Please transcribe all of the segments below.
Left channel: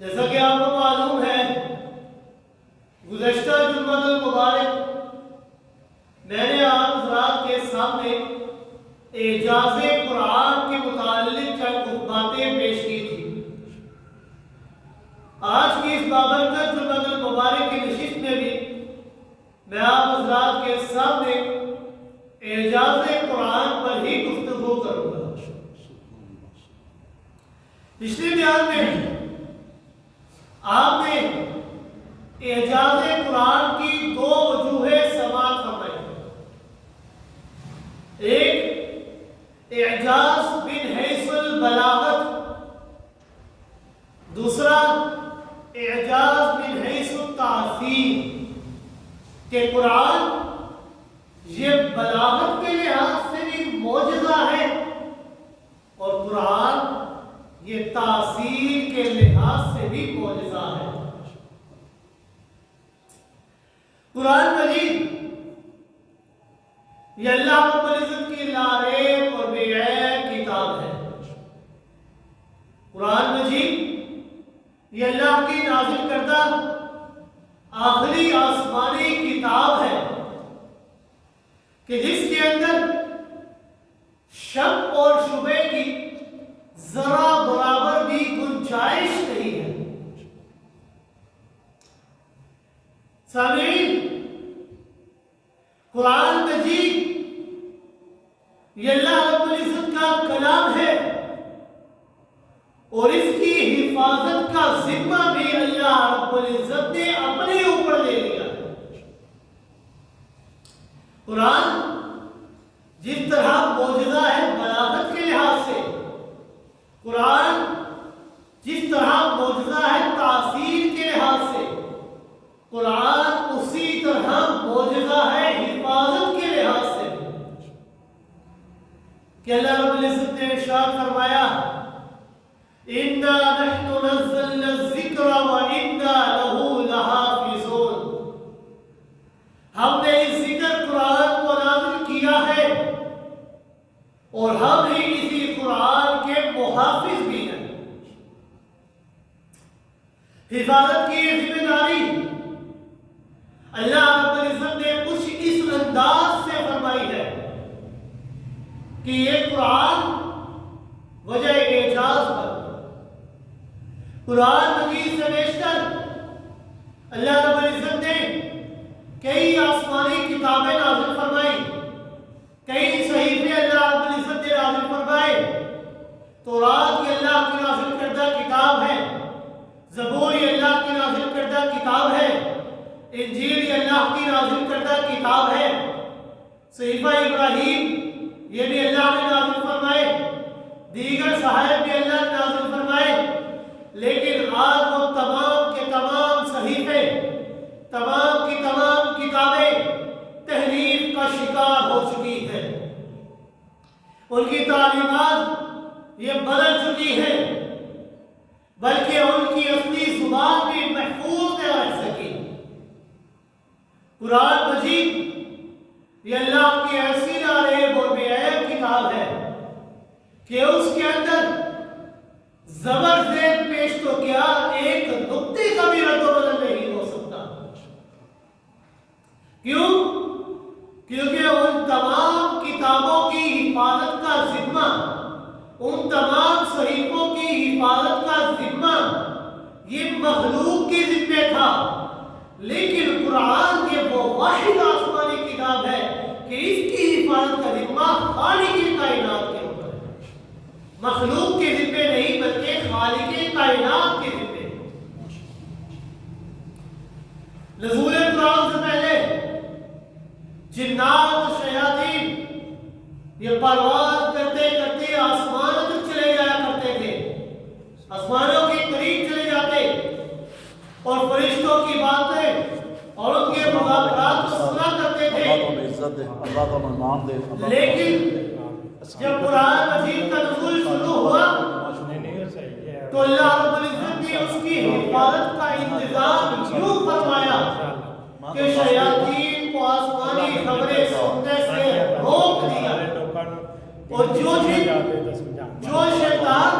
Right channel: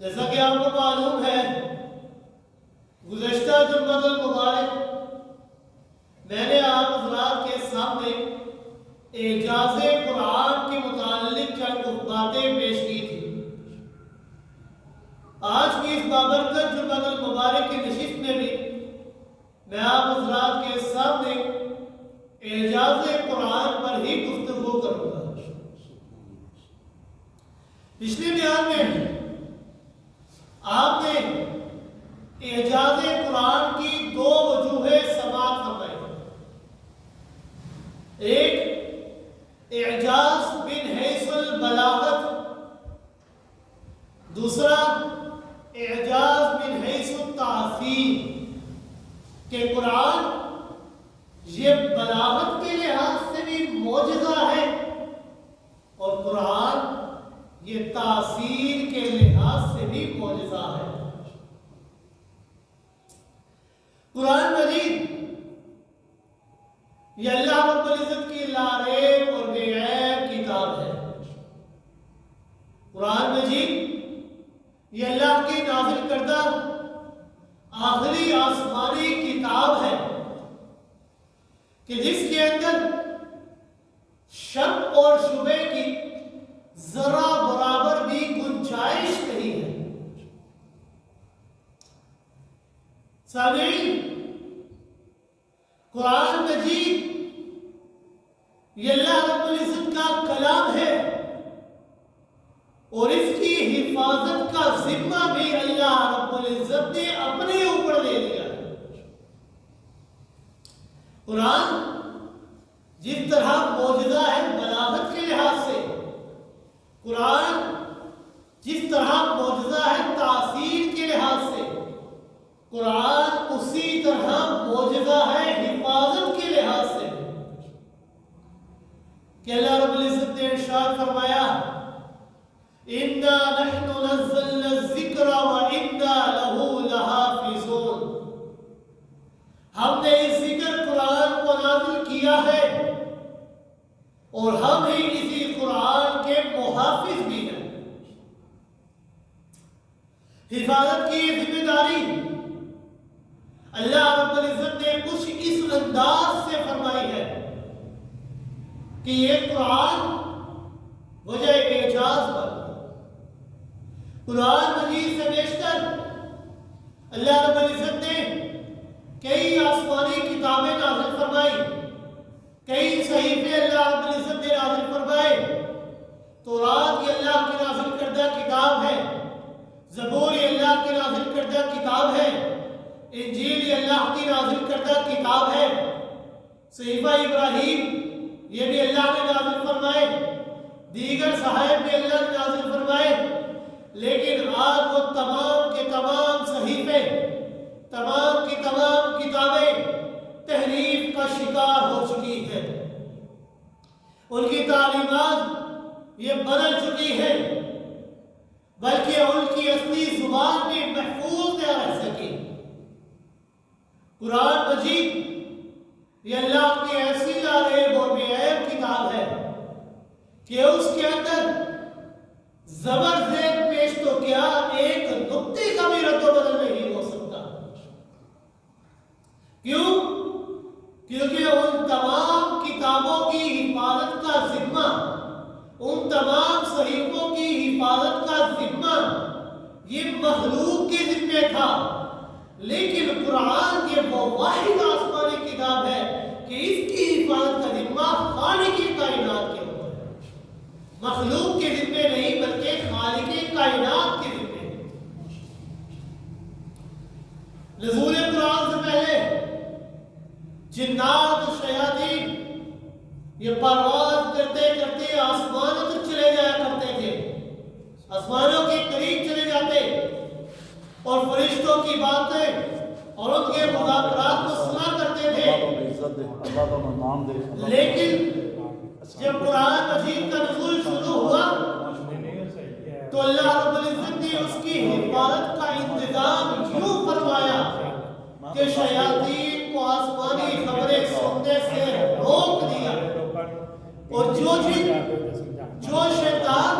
جیسا کہ آپ کو معلوم ہے گزشتہ جمعہ المبارک میں نے آپ حضرات کے سامنے اعجاز قرآن کے متعلق چند باتیں پیش کی تھی۔ آج کی اس بابرکت جمعہ المبارک کی نشست میں بھی میں آپ حضرات کے سامنے اعجاز قرآن پر ہی گفتگو کروں گا۔ پچھلے بیان میں آپ نے اعجاز قرآن کی دو وجوہیں سماعت فرمائی۔ ایک اعجاز من حیث البلاغت، دوسرا اعجاز من حیث التاثیر، کہ قرآن یہ بلاغت کے لحاظ سے بھی معجزہ ہے اور قرآن یہ تاثیر کے لحاظ سے بھی معجزہ ہے۔ قرآن مجید یہ اللہ رب العزت کی لاریب اور بے عیب کتاب ہے۔ قرآن مجید یہ اللہ کی نازل کردہ آخری آسمانی کتاب ہے کہ جس کے اندر شک اور شبہ کی ذرا برابر بھی گنجائش نہیں ہے۔ سامعین، قرآن مجید یہ اللہ رب العزت کا کلام ہے اور اس کی حفاظت کا ذمہ بھی اللہ رب العزت نے اپنے اوپر لے لیا ہے۔ قرآن جس طرح معجزہ ہے بلاغت کے لحاظ سے، قرآن جس طرح معجزہ ہے تاثیر کے لحاظ سے، قرآن اسی طرح معجزہ ہے حفاظت کے لحاظ سے کہ اللہ رب العزت نے ارشاد فرمایا اِنَّا نَحْنُ نَزَّلْنَا الذِّكْرَ وَإِنَّا لَهُ لَحَافِظُونَ، ہم نے اس ذکر قرآن کو نازل کیا ہے اور ہم ہی اسی قرآن کے محافظ بھی ہیں۔ حفاظت کی یہ ذمہ داری اللہ رب العزت نے کچھ اس انداز سے فرمائی ہے کہ یہ قرآن وجہ اعجاز پر قرآن مجید سے بیشتر اللہ رب العزت نے کئی آسمانی کتابیں نازل فرمائی، کئی صحیفے اللہ رب العزت نے نازل فرمائے۔ تورات یہ اللہ کی نازل کردہ کتاب ہے، زبور یہ اللہ کی نازل کردہ کتاب ہے، انجیل یہ اللہ کی نازل کردہ کتاب ہے، صحیفہ ابراہیم یہ بھی اللہ نے نازل فرمائے، دیگر صحائف بھی اللہ نے نازل فرمائے۔ لیکن آج وہ تمام کے تمام صحیفے، تمام کی تمام کتابیں تحریف کا شکار ہو چکی ہیں، ان کی تعلیمات یہ بدل چکی ہیں، بلکہ ان کی اصلی زبان بھی محفوظ نہ رہ سکی۔ قرآن مجید یہ اللہ کی ایسی لاریب اور بے عیب کتاب ہے کہ اس کے اندر زبر زیر پیش تو کیا ایک نقطے کا بھی رد و بدل نہیں ہو سکتا۔ کیوں؟ کیونکہ ان تمام کتابوں کی حفاظت کا ذمہ، ان تمام صحیفوں کی حفاظت کا ذمہ یہ مخلوق کے ذمہ تھا، لیکن قرآن یہ وہ واحد آسمانی کتاب ہے کہ اس کی حفاظت کا ذمہ خالق کائنات کے اوپر ہے، مخلوق کے ذمہ نہیں بلکہ خالق کائنات کے ذمہ۔ نزول قرآن سے پہلے جنات و شیاطین یہ پرواز کرتے کرتے آسمانوں تک چلے جایا کرتے تھے، آسمانوں کے قریب چلے جاتے اور فرشتوں کی باتیں اور ان کے مذاکرات کو سنا کرتے تھے۔ لیکن جب قرآن مجید کا نزول شروع ہوا تو اللہ رب العزت نے اس کی حفاظت کا انتظام یوں فرمایا کہ شیاطین کو آسمانی خبریں سننے سے روک دیا، اور جو شیطان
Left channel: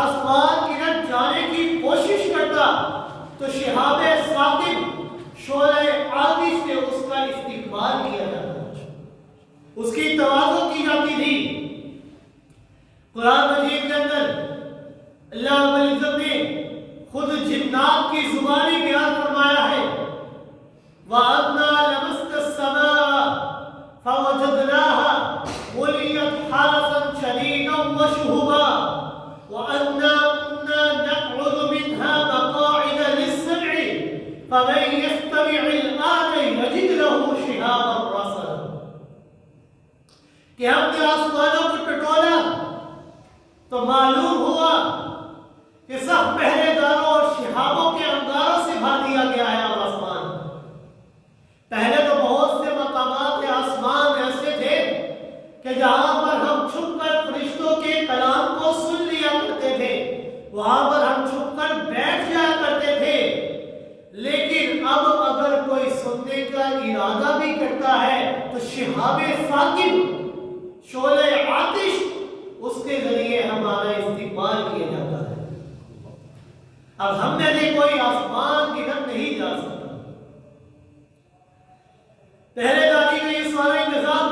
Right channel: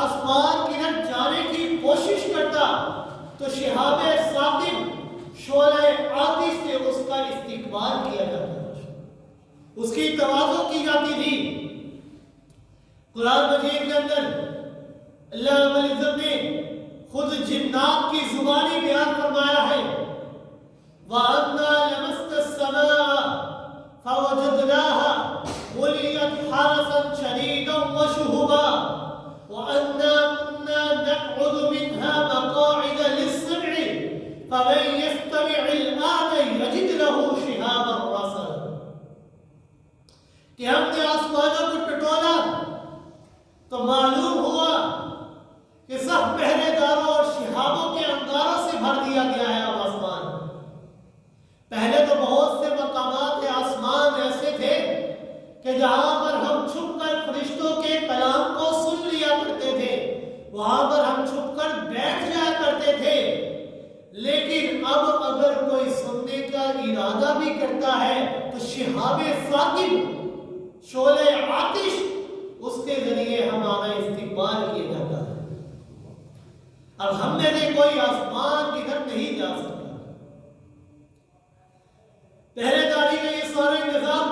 آسمان کی طرف جانے کی کوشش ہوتا تو شہاب ثاقب شعلہ آتش سے اس کا استقبال کیا جاتا، اس کی تواضع کی جاتی تھی۔ قرآن مجید کے اندر اللہ رب العزت نے خود جنات کی زبانی بیان فرمایا ہے، وَأَنَّا لَمَسْنَا السَّمَاءَ فَوَجَدْنَاهَا مُلِيَتْ حَرَسًا شَدِيدًا وَشُهُبًا وَأَنَّا كُنَّا نَقْعُدُ مِنْهَا مَقَاعِدَ لِلسَّمْعِ فَمَن يَسْتَمِعِ الْآنَ يَجِدْ لَهُ شِهَابًا رَّصَدًا۔ کہ ہم نے آسمانوں کو ٹٹولا تو معلوم ہوا کہ سب پہرے داروں اور شہابوں کے انگاروں سے بھر دیا گیا ہے اب آسمان۔ پہلے تو بہت سے مقامات آسمان ایسے تھے کہ جہاں پر ہم چھپ کر فرشتوں کے کلام کو سن لیا کرتے تھے، وہاں پر ہم چھپ کر بیٹھ جایا کرتے تھے، لیکن اب اگر کوئی سننے کا ارادہ بھی کرتا ہے تو شہاب ثاقب شعلہ آتش اس کے ذریعے ہمارا استقبال کیا جاتا ہے۔ اب ہم میں سے کوئی آسمان کی طرف نہیں جا سکتا۔ پہلے داری کا یہ سارا انتظام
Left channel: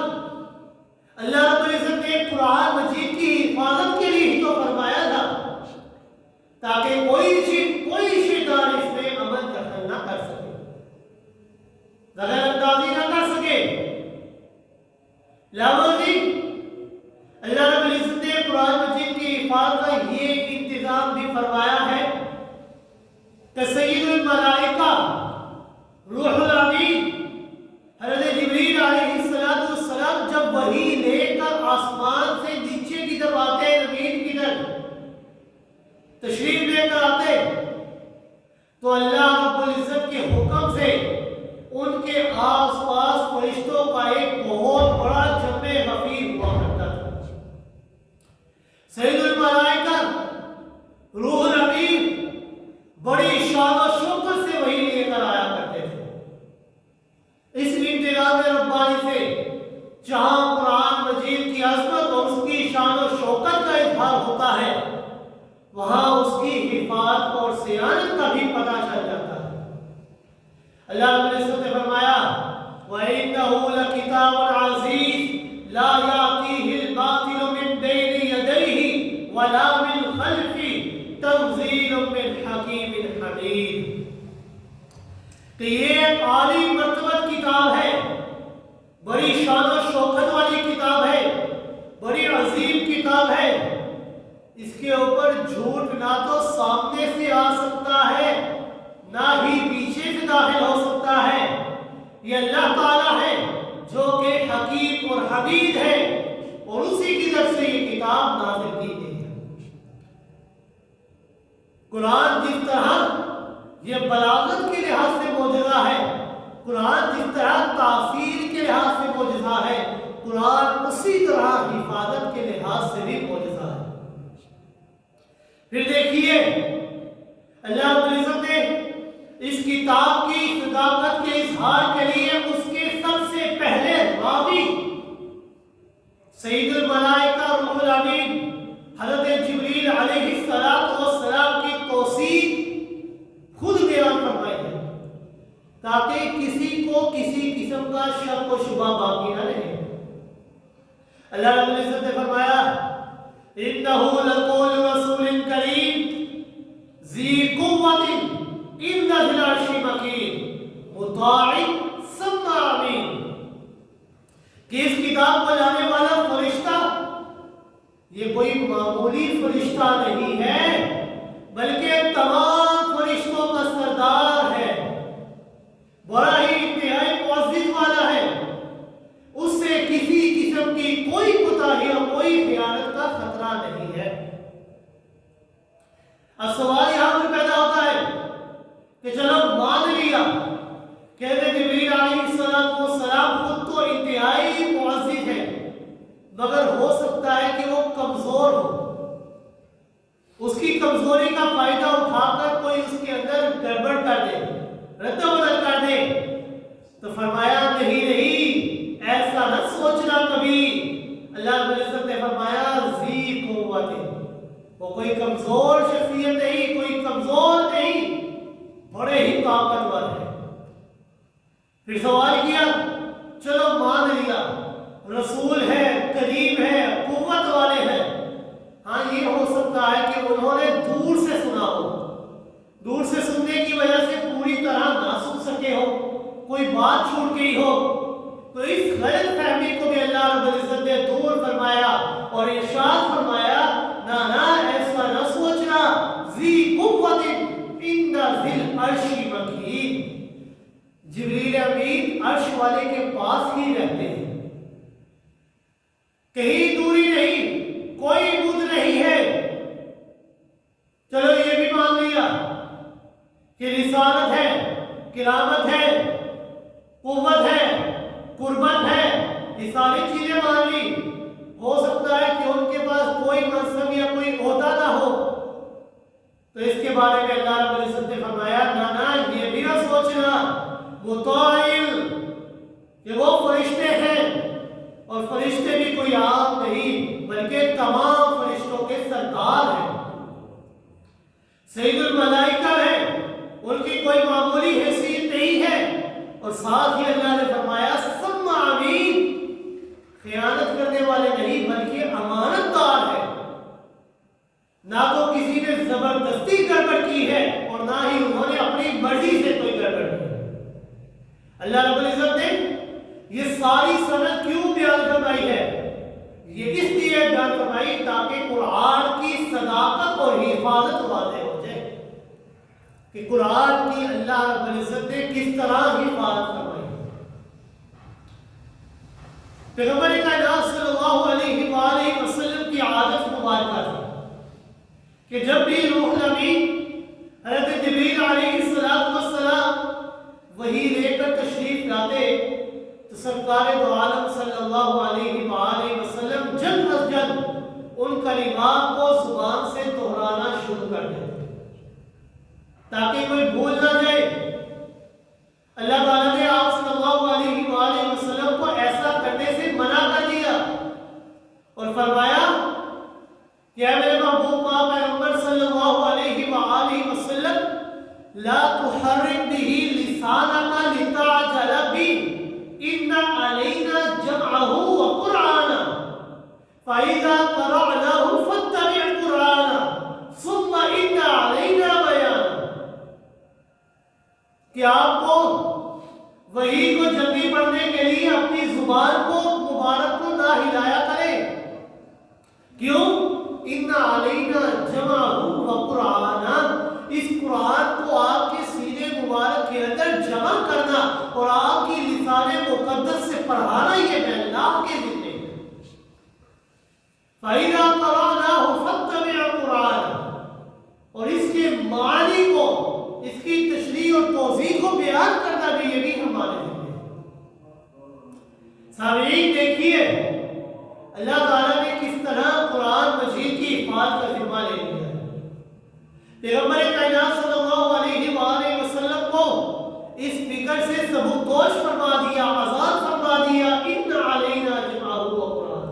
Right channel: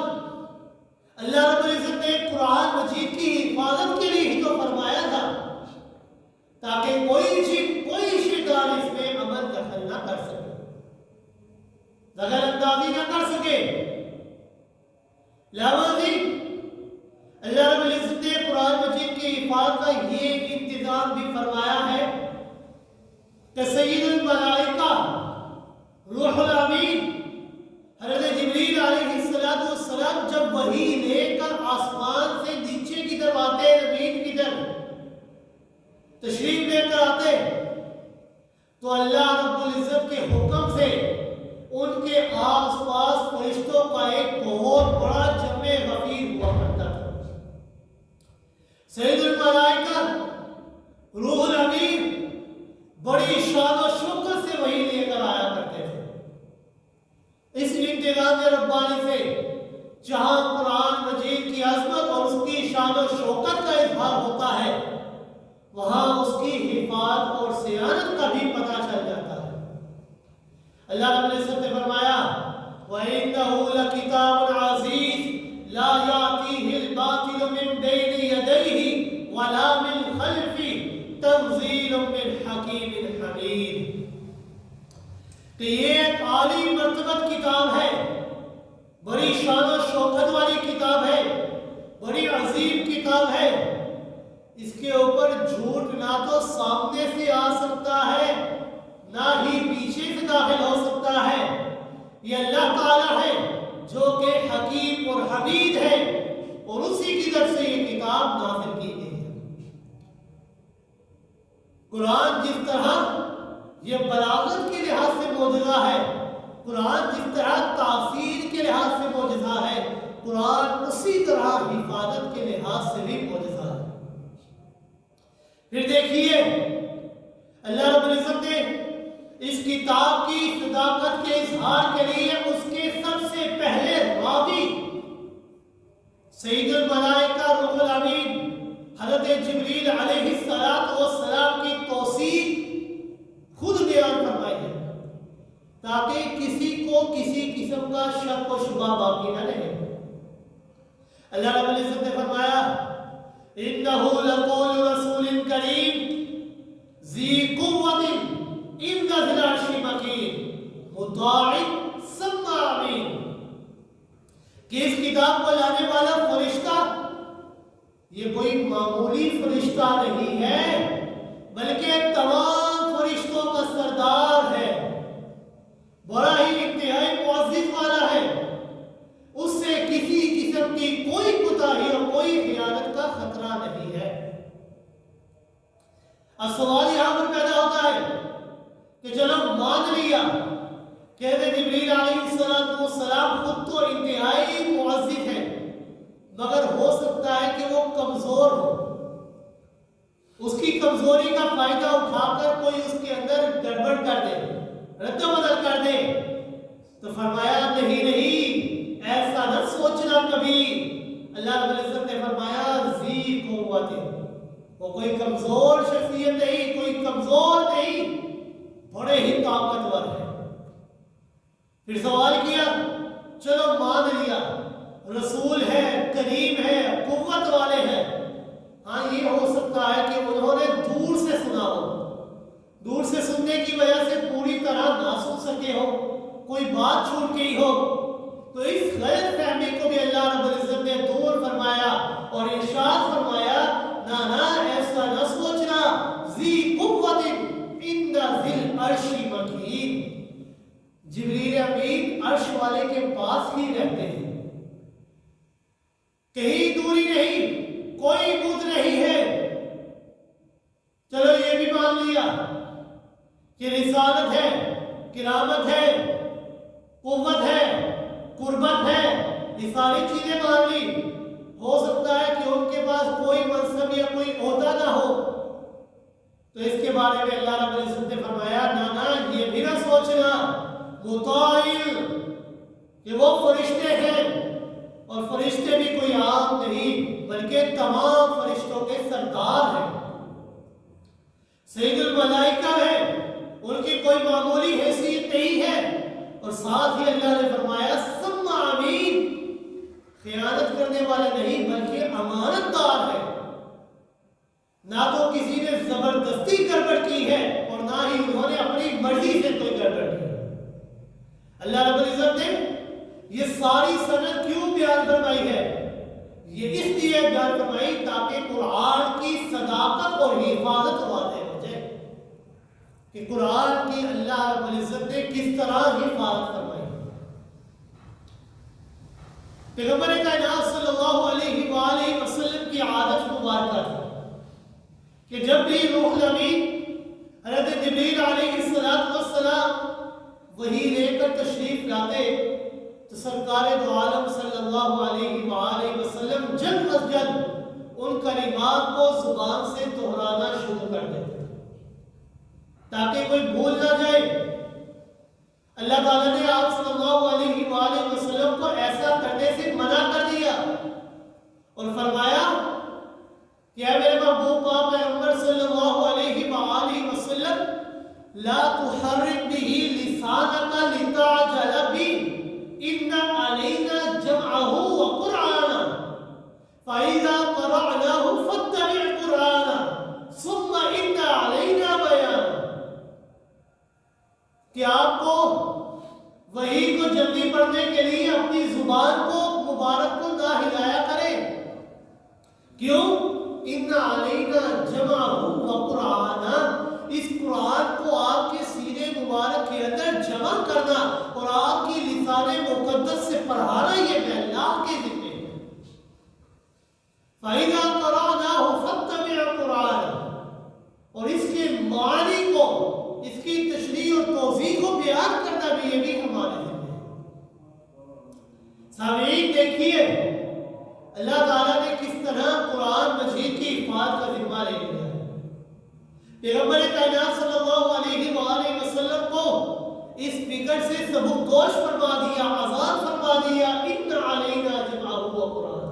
اللہ رب العزت نے قرآن مجید کی حفاظت کے لیے ہی تو فرمایا تھا، تاکہ کوئی شیطان اس میں عمل دخل نہ کر سکے، دخل اندازی نہ کر سکے۔ لاوازی اللہ رب العزت نے قرآن مجید کی حفاظت کا یہ انتظام بھی فرمایا ہے کہ سید الملائکہ روح الامین حضرت جبریل علیہ السلام جب وحی لے کر آسمان سے نیچے کی طرف آتے، زمین کی طرف تشریف لے کر آتے، تو اللہ رب العزت کے حکم سے ان کے آس پاس فرشتوں کا ایک بہت بڑا جمع غفیر ہوا کرتا تھا۔ سید الملائکہ روح الامین بڑی شان و شوکت سے وحی لے کر آیا کرتے تھے۔ اس انتظام ربانی سے جہاں قرآن مجید کی عظمت اور اس کی شان و شوکت کا اظہار ہوتا ہے، وہاں اس کی حفاظت اور صیانت کا بھی پتہ چل جاتا ہے۔ اللہ رب العزت نے فرمایا وَإِنَّهُ لَكِتَابٌ عَزِيزٌ لَا يَأْتِيهِ الْبَاطِلُ مِن بَيْنِ يَدَيْهِ وَلَا مِنْ خَلْفِهِ تَنزِيلٌ مِّنْ حَكِيمٍ حَمِيدٍ۔ کہ یہ ایک عالی مرتبت کتاب ہے، بڑی شان و شوکت والی کتاب ہے، بڑی عظیم کتاب ہے۔ اس کے اوپر جھوٹ نہ تو سامنے سے آ سکتا ہے، نہ ہی پیچھے سے داخل ہو سکتا ہے۔ یہ اللہ تعالیٰ ہے جو کہ حکیم اور حمید ہے، اور اسی کی طرف سے یہ کتاب نازل کی گئی ہے۔ قرآن جس طرح یہ بلاغت کے لحاظ سے معجزہ ہے، قرآن جس طرح تاثیر کے لحاظ سے معجزہ ہے، قرآن اسی طرح حفاظت کے لحاظ سے بھی معجزہ ہے۔ پھر دیکھیے اللہ رب العزت نے اس کتاب کی صداقت کے اظہار کے لیے اس کے سب سے پہلے راوی سید الملائکہ روح الامین حضرت جبریل علیہ السلام کی توثیق خود بیان فرمائی ہے، تاکہ کسی کو کسی قسم کا شک و شبہ باقی نہ رہے۔ اللہ رب العزت نے فرمایا إِنَّهُ لَقَوْلُ رَسُولٍ كَرِيمٍ ذِي قُوَّةٍ عِندَ ذِي الْعَرْشِ مَكِينٍ مُطَاعٍ ثَمَّ أَمِينٍ۔ کہ اس کتاب کو لانے والا فرشتہ یہ کوئی معمولی فرشتہ نہیں ہے، بلکہ تمام فرشتوں کا سردار ہے، بڑا ہی انتہائی معزز والا ہے، اس سے کسی قسم کی کوئی کوتاہی اور کوئی خیانت کا خطرہ نہیں ہے۔ اب سوال یہاں پر پیدا ہوتا ہے کہ چلو مان لیا کہ حضرت جبریل علیہ السلام خود تو انتہائی معزز ہے، مگر ہو سکتا ہے کہ وہ کمزور ہو، اس کی کمزوری کا فائدہ اٹھا کر کوئی اس کے اندر گڑبڑ کر دے، رد و بدل کر دے، تو فرمایا نہیں، ایسا نہ سوچنا کبھی۔ اللہ رب العزت نے فرمایا ذی قوت، وہ کوئی کمزور شخصیت نہیں، کوئی کمزور نہیں، پھر سوال کیا، چلو مان لیا رسول ہے، کریم ہے، قوت والے ہیں، ہاں یہ ہو سکتا ہے کہ انہوں نے دور سے سنا ہو، دور سے سننے کی وجہ سے پوری طرح نہ سن سکے ہو، کوئی بات چھوٹ گئی ہو، تو اس غلط فہمی کو بھی اللہ رب العزت نے دور فرمایا اور ارشاد فرمایا، نانا ایسا نہ سوچنا، ذی قوت عند ذی العرش مکین، جبریل امین عرش والے کے پاس ہی رہتے ہیں، کہیں دوری نہیں، کوئی بوجھ نہیں ہے۔ چلو یہ بھی مان لیا کہ رسالت ہے، کرامت ہے، قوت ہے، قربت ہے، یہ ساری چیزیں مان لی، ہو سکتا ہے کہ ان کے پاس کوئی منصب یا کوئی عہدہ نہ ہو، تو اس کے بارے میں اللہ رب العزت نے فرمایا، نانا یہ بھی نہ سوچنا مطاعل، کہ وہ فرشتے ہیں، اور فرشتے بھی کوئی عام نہیں بلکہ تمام فرشتوں کے سردار ہیں، سید الملائکہ ہے، ان کی کوئی معمولی حیثیت نہیں ہے، اور ساتھ ہی اللہ نے فرمایا ثم امین، خیانت کرنے والے نہیں بلکہ امانت دار ہے، نہ تو کسی نے زبردستی گڑبڑ کی ہے اور نہ ہی انہوں نے اپنی مرضی سے کوئی گڑبڑ کی ہے۔ اللہ رب العزت نے یہ ساری سند کیوں بیان فرمائی ہے؟ یہ اس لیے بیان فرمائی تاکہ قرآن کی صداقت اور حفاظت واضح ہو جائے کہ قرآن کی اللہ رب العزت نے کس طرح حفاظت فرمائی۔ پیغمبر کائنات صلی اللہ علیہ وآلہ وسلم کی عادت مبارکہ تھی کہ جب بھی روح الامین حضرت جبریل علیہ السلام وہی لے کر تشریف لاتے تو سرکار دو عالم صلی اللہ علیہ وآلہ وسلم جلد از جلد ان کلمات کو زبان سے دہرانا شروع کر دیتے تاکہ کوئی بھول نہ جائے۔ اللہ تعالیٰ نے آپ صلی اللہ علیہ وآلہ وسلم کو ایسا کرنے سے منع کر دیا اور فرمایا کہ اے میرے محبوب پاک پیغمبر صلی اللہ علیہ وآلہ وسلم لا تحرک به لسانک لتعجل به ان علینا جمعه وقرآنا فإذا قرأناه فاتبع قرآنا ثم ان علینا بیانا، کہ آپ کو وحی کو جلدی پڑھنے کے لیے اپنی زبان کو مبارک کو نہ ہلایا کریں، کیوں؟ ان علینا جمعہ و قرآنا، اس قرآن کو آپ کے سینے مبارک کے اندر جمع کرنا اور آپ کی لسان مقدس سے پڑھانا یہ ہے اللہ کے ذمہ ہے۔ فَإِذَا قَرَأْنَاهُ فَاتَّبِعْ قُرْآنَهُ، اور اس کے معنی کو، اس کی تشریح اور توضیح کو بیان کرنا بھی یہ بھی ہمارے ذمہ ہے۔ سامعین دیکھیے اللہ تعالیٰ نے کس طرح قرآن مجید کی حفاظت کا ذمہ لے لیا ہے۔ پیغمبر کائنات صلی اللہ علیہ وآلہ وسلم کو اس فکر سے سبکدوش فرما دیا، آزاد فرما دیا، ان علینا جمعہ و قرآن،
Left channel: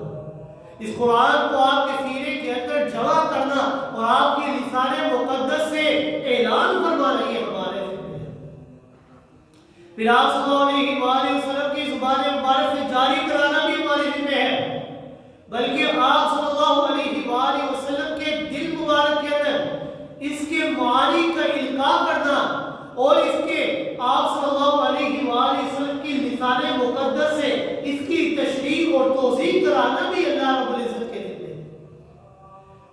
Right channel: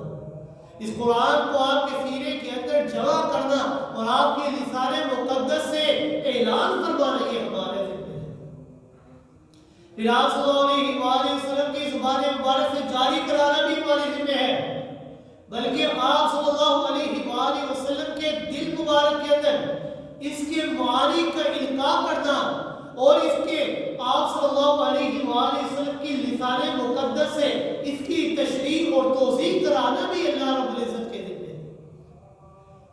اس قرآن کو آپ کے سینے کے اندر جمع کرنا اور آپ کے لسان مقدس سے اعلان فرمانا یہ ہمارے ذمہ ہے۔ پھر آپ صلی اللہ علیہ وآلہ وسلم کی زبان مبارک سے جاری کرانا بھی ہمارے ذمہ ہے، بلکہ آپ صلی اللہ علیہ وآلہ وسلم کے دل مبارک کے اندر اس کے معانی کا القاء کرنا اور اس کے آپ صلی اللہ علیہ وآلہ وسلم کی لسان مقدس سے اس کی تشریح اور توضیح کرانا بھی اللہ رب العزت کے ذمہ ہے۔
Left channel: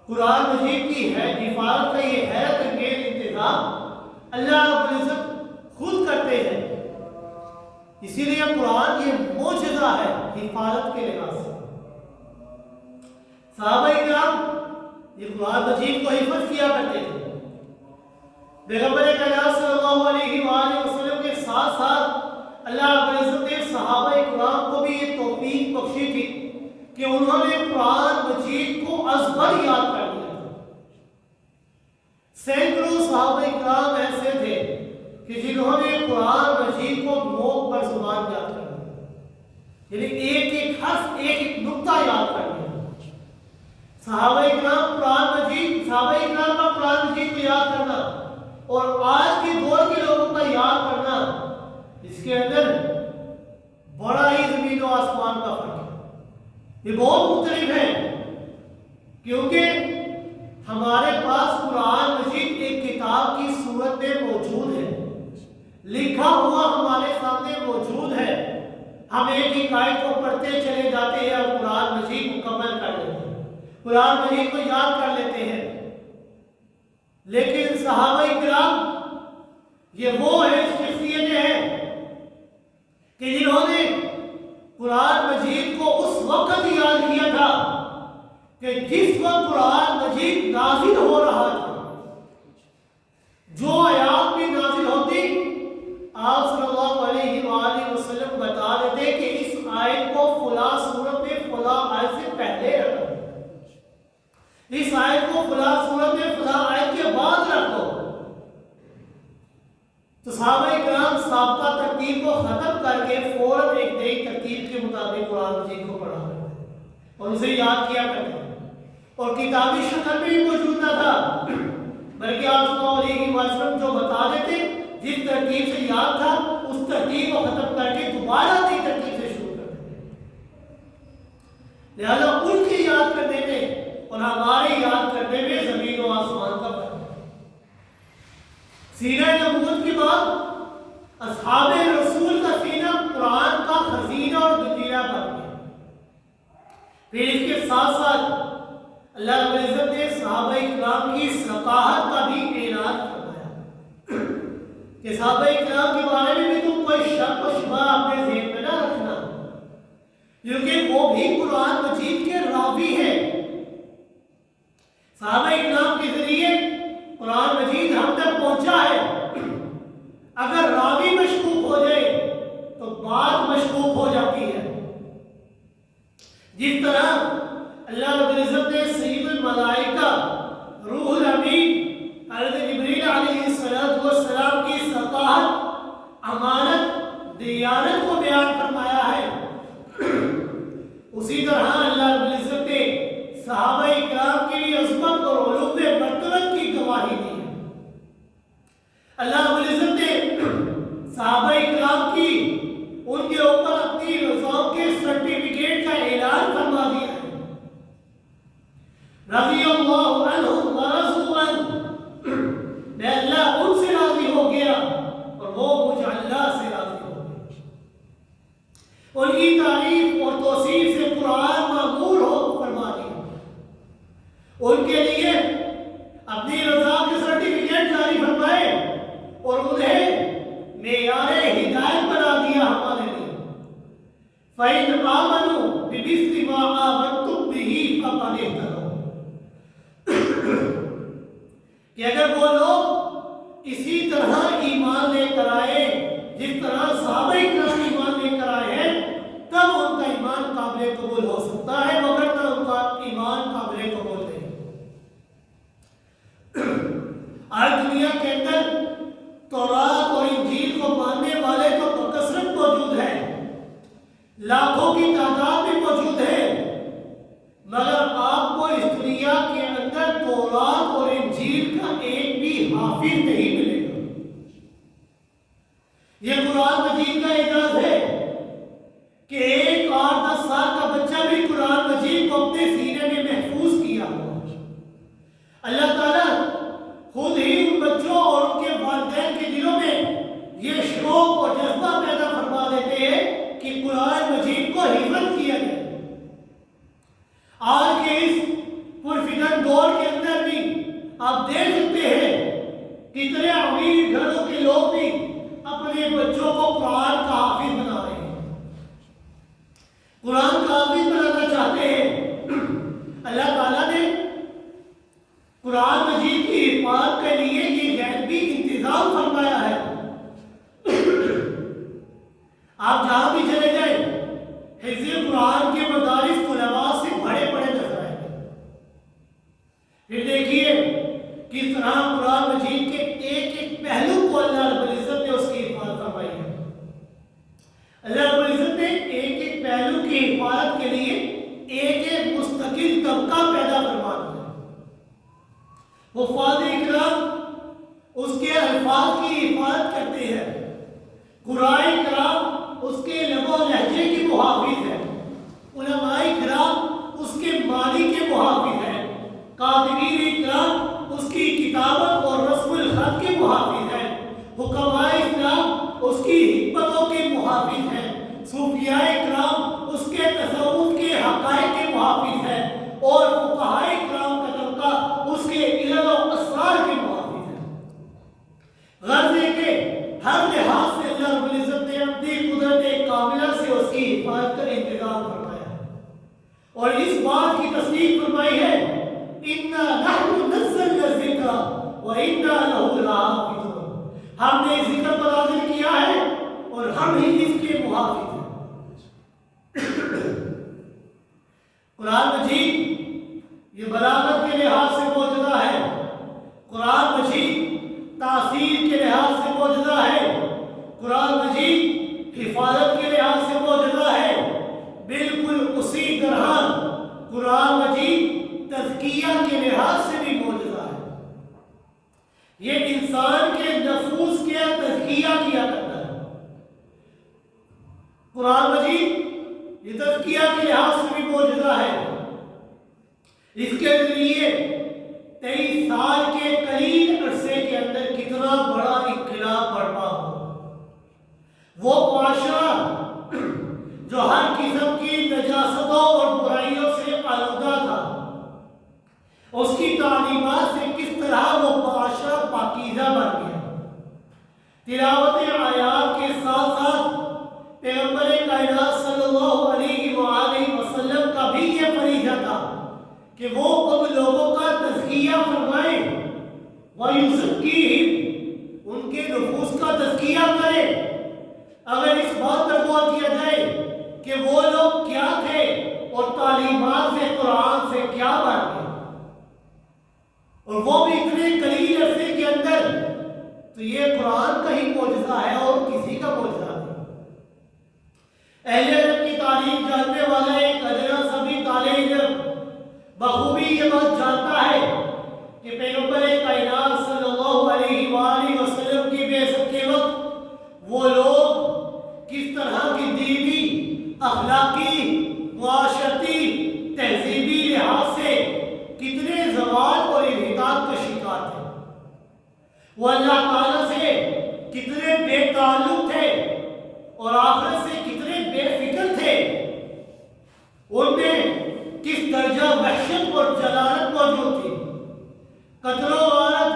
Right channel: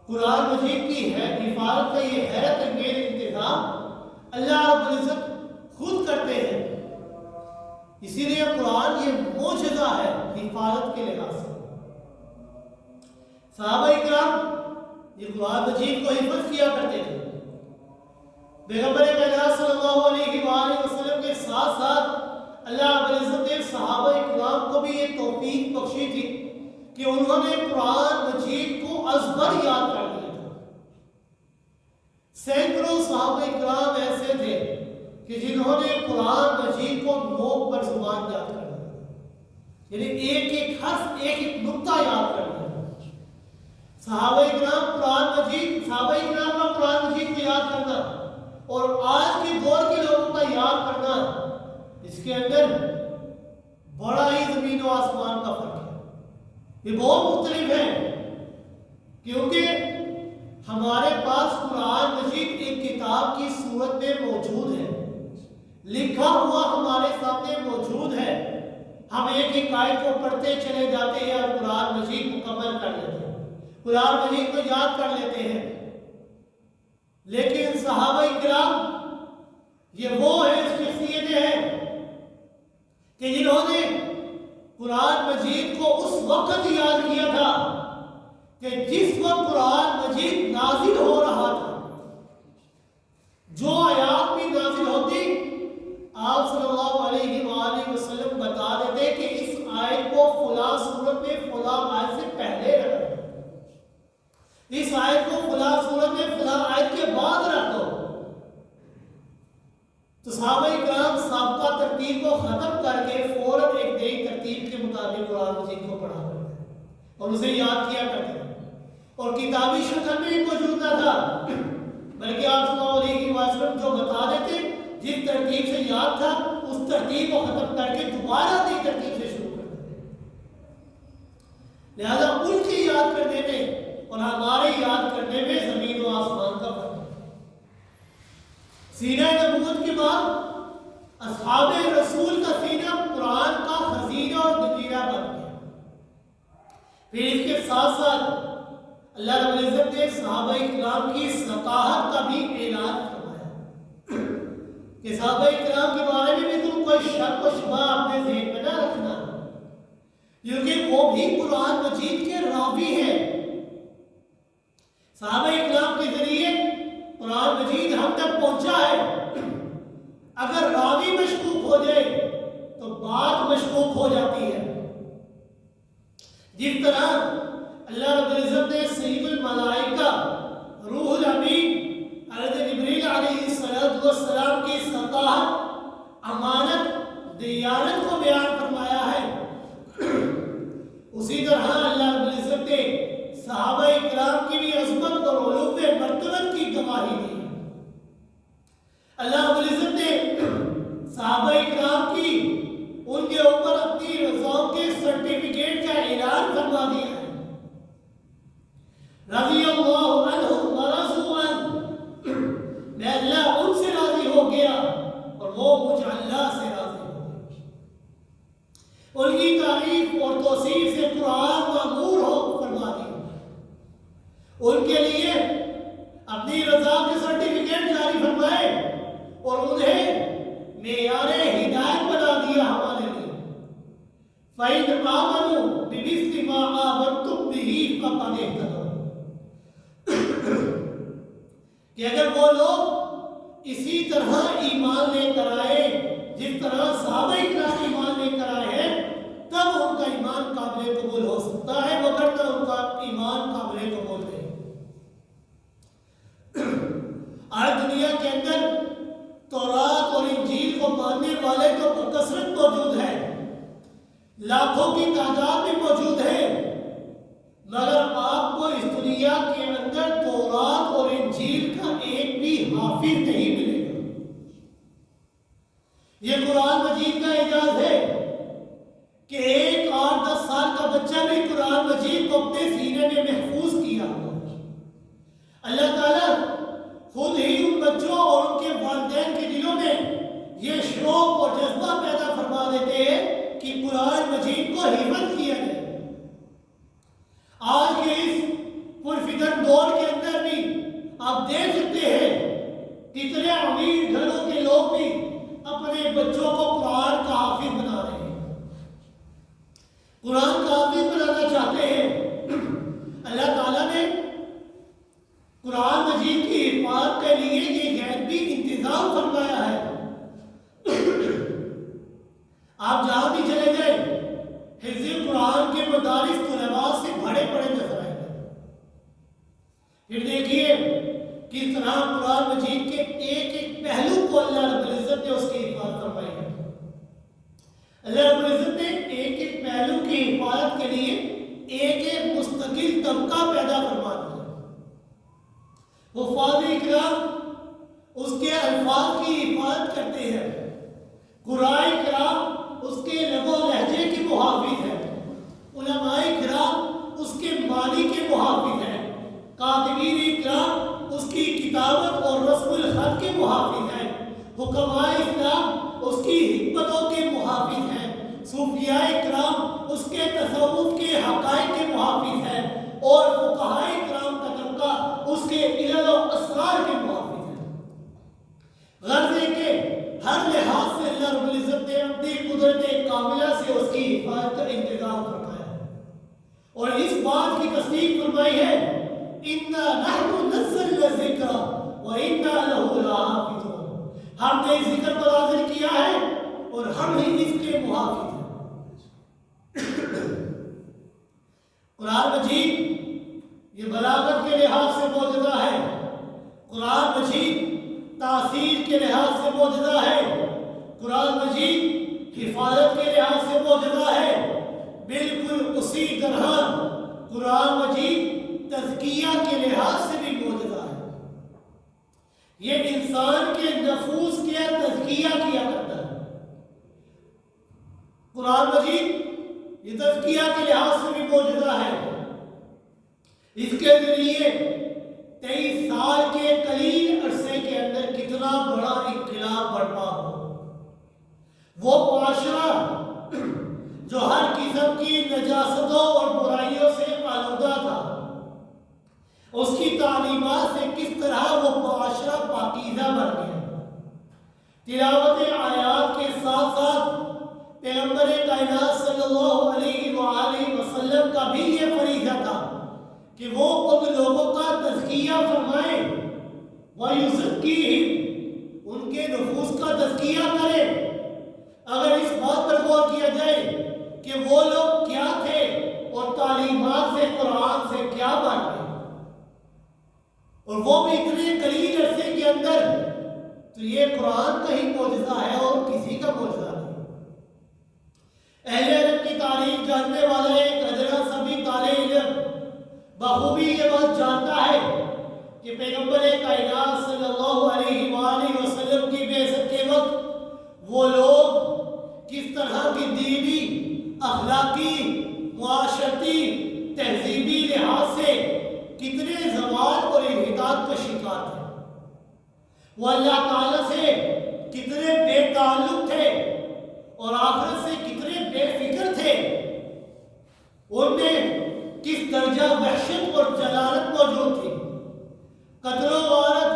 قرآن مجید کی ہے حفاظت کا یہ حیرت انگیز انتظام اللہ رب العزت خود کرتے ہیں، اسی لیے قرآن یہ معجزہ ہے حفاظت کے لحاظ سے۔ صحابہ کرام یہ قرآن مجید کو حفظ کیا کرتے تھے، پیغمبر کائنات صلی اللہ علیہ وآلہ وسلم کے ساتھ ساتھ اللہ رب العزت نے صحابہ کرام کو بھی یہ توفیق بخشی تھی کہ انہوں نے قرآن مجید کو ازبر یاد کر لیا تھا۔ سینکڑوں صحابہ کرام ایسے تھے کہ جنہوں نے قرآن مجید کو نوک پر زبان یاد کر لیا، یعنی ایک ایک حرف، ایک ایک نقطہ یاد کر لیا۔ صحابہ کرام قرآن مجید، صحابہ کرام کا قرآن مجید کو یاد کرنا اور آج کے دور کے لوگوں کا یاد کرنا، اس کے اندر بڑا ہی زمین و آسمان کا فرق ہے، یہ بہت مختلف ہے، کیونکہ ہمارے پاس قرآن مجید ایک کتاب کی صورت میں موجود ہے، لکھا ہوا ہمارے سامنے موجود ہے، ہم ایک ایک آیت کو پڑھتے چلے جاتے ہیں اور قرآن مجید مکمل کر لیتے ہیں، قرآن مجید کو یاد کر لیتے ہیں۔ لیکن صحابہ کرام یہ وہ شخصیتیں ہیں کہ جنہوں نے قرآن مجید کو اس وقت یاد کیا تھا کہ جس وقت قرآن مجید نازل ہو رہا تھا، جو آیات بھی نازل ہوتی آپ صلی اللہ علیہ وآلہ وسلم بتا دیتے کہ اس آیت کو فلاں صورت میں فلاں آیت سے پہلے رکھو، اس آیت کو فلاں صورت میں فلاں آیت کے بعد رکھو۔ تو صحابہ کرام سابقہ ترتیب کو ختم کر کے فوراً ایک نئی ترتیب کے مطابق قرآن مجید کو پڑھا کرتے تھے اور اسے یاد کیا کرتے تھے، اور کتابی شکل میں بھی موجود نہ تھا، بلکہ آپ صلی اللہ علیہ وسلم جو بتا دیتے جس ترتیب سے یاد تھا اس ترتیب کو ختم کر کے دوبارہ نئی ترتیب سے شروع کر دیتے۔ لہذا ان کی یاد کرنے میں اور ہمارے یاد کرنے میں زمین و آسمان کا فرق ہے۔ سینہ نبوت کے بعد اصحاب رسول کا سینہ قرآن کا خزینہ اور گنجینہ بن گیا۔ پھر اس کے ساتھ ساتھ اللہ رب العزت نے صحابہ کرام کی ثقافت کا بھی اعلان فرمایا کہ صحابہ کرام کے بارے میں بھی تم کوئی شک و شبہ اپنے ذہن میں نہ رکھنا، کیونکہ وہ بھی قرآن مجید کے راوی ہیں۔ صحابہ کرام کے ذریعے قرآن مجید ہم تک پہنچا ہے، اگر راوی مشکوک ہو جائے تو بات مشکوک ہو جاتی ہے۔ جس طرح اللہ رب العزت نے سید الملائکہ روح الامین حضرت جبریل علیہ السلام کی سطاحت، امانت، دیانت کو بیان فرمایا ہے، اسی طرح اللہ رب العزت نے صحابہ کرام کی بھی عظمت اور علو مرتبت کی گواہی دی ہے۔ اللہ رب العزت نے صحابہ کرام کی ان کے اوپر اپنی رضاؤں کے سرٹیفکیٹ کا اعلان فرما دیا ہے، رضی اللہ عنہم ورضوا عنہ، میں اللہ ان سے راضی ہو گیا اور وہ مجھ اللہ سے راضی ہو گیا۔ ان کی تعریف اور توصیف سے قرآن معمور ہو فرما دیا، ان کے لیے اپنی رضا کے سرٹیفکیٹ جاری فرمائے اور انہیں معیار ہدایت بنا دیا ہمارے لیے۔ فَإِنْ آمَنُوا بِمِثْلِ مَا آمَنْتُمْ بِهِ فَقَدِ اهْتَدَوْا، کہ اگر وہ لوگ اسی طرح ایمان لے کر آئے جس طرح صحابہ کرام ایمان لے کر آئے ہیں، تب ان کا ایمان قابل قبول ہو سکتا ہے، وگرنہ ان کا ایمان قابل قبول نہیں۔ آج دنیا کے اندر تورات اور انجیل کو ماننے والے تو بکثرت موجود ہیں، لاکھوں کی تعداد میں موجود ہے، مگر آپ کو اس دنیا کے اندر تورات اور انجیل کا ایک بھی حافظ نہیں ملے گا۔ یہ قرآن مجید کا اعجاز ہے کہ 8-10 سال کا بچہ بھی قرآن مجید کو اپنے سینے میں محفوظ کیا ہوا ہے۔ اللہ تعالیٰ خود ہی ان بچوں اور ان کے والدین کے دلوں میں یہ شوق اور جذبہ پیدا فرما دیتے ہیں کہ قرآن مجید کو حفظ کیا جائے۔ آج کے اس پرفتن دور کے اندر بھی آپ دیکھ سکتے ہیں کتنے امیر گھروں کے لوگ بھی اپنے بچوں کو قرآن کا حافظ بنا رہے ہیں، قرآن کا حافظ بنانا چاہتے ہیں۔ اللہ تعالیٰ نے قرآن مجید کی حفاظت کے لیے یہ غیبی انتظام فرمایا ہے۔ آپ جہاں بھی چلے جائیں حفظ قرآن کے مدارس طلباء سے بڑے بڑے نظر آئیں گے۔ پھر دیکھیے کس طرح قرآن مجید کے ایک ایک پہلو کو اللہ رب العزت نے اس کی حفاظت فرمائی ہے۔ اللہ رب العزت نے ایک ایک پہلو کی حفاظت کے لیے ایک ایک مستقل طبقہ پیدا فرما دیا۔ حفاظ کرام اس کے الفاظ کی حفاظت کرتے ہیں، قراء کرام اس کے لب و لہجے کے محافظ ہیں، علماء کرام اس کے معنی کے محافظ ہیں، کاتبین اکرام اس کی کتابت اور رسم الخط کے محافظ ہیں، حکماء اسلام اس کی حکمتوں کے محافظ ہیں، صوفیاء کرام اس کے تصوف کے حقائق کے محافظ ہیں، اور فقہاء کرام کا طبقہ اس کے علل و اسرار کے محافظ ہیں۔ غرض ہے کہ ہر لحاظ سے اللہ رب العزت نے اپنی قدرت کاملہ سے اس کی حفاظت کا انتظام فرمایا ہے، اور اس بات کی تصدیق فرمائی ہے اِنَّا نَحْنُ نَزَّلْنَا الذِّكْرَ وَإِنَّا لَهُ لَحَافِظُونَ، ہم نے ذکر پر نازل کیا ہے اور ہم ہی اس کے محافظ ہیں۔ قرآن مجید یہ بلاغت کے لحاظ سے معجزہ ہے، قرآن مجید تاثیر کے لحاظ سے معجزہ ہے، قرآن مجید حفاظت کے لحاظ سے معجزہ ہے، بالکل اسی طرح قرآن مجید تزکیہ کے لحاظ سے بھی معجزہ ہے۔ یہ انسان کے نفوس کے تزکیہ کیا کرتا ہے۔ قرآن مجید یہ تزکیہ کے لحاظ سے بھی معجزہ ہے۔ اس کے ذریعے 23 سال کے قلیل عرصے کے اندر کتنا بڑا انقلاب برپا ہو۔ وہ معاشرہ جو ہر قسم کی نجاستوں اور برائیوں سے آلودہ تھا، اس کی تعلیمات سے کس طرح وہ معاشرہ پاکیزہ بن گیا۔ تلاوت آیات کے ساتھ ساتھ پیغمبر کائنات صلی اللہ علیہ وآلہ وسلم کا بھی یہ فریضہ تھا کہ وہ اب لوگوں کا تزکیہ فرمائیں، وَيُزَكِّيهِمْ، ان کے نفوس کا تزکیہ کرے۔ اگر اس بات پر غور کیا جائے کہ وہ لوگ کیا تھے اور تعلیمات سے قرآن سے کیا بن گئے، اور وہ بھی اتنے قلیل عرصے کے اندر، تو یہ قرآن کا ہی معجزہ ہے اور کسی کا معجزہ نہیں۔ اہل علم کی تاریخ جاننے والا ایک ادنا سا بھی طالب علم بخوبی یہ بات جانتا ہے کہ پیغمبر کائنات صلی اللہ علیہ وآلہ وسلم کی بعثت کے وقت وہ لوگ کس طرح کی دینی، اخلاقی، معاشرتی، تہذیبی لحاظ سے کتنے زوال اور انحطاط کا شکار تھے، وہ اللہ تعالیٰ سے کتنے بے تعلق تھے اور آخرت سے کتنے بے فکر تھے، ان میں کس درجہ وحشت اور جلالت موجود تھی۔ قتل و غارت،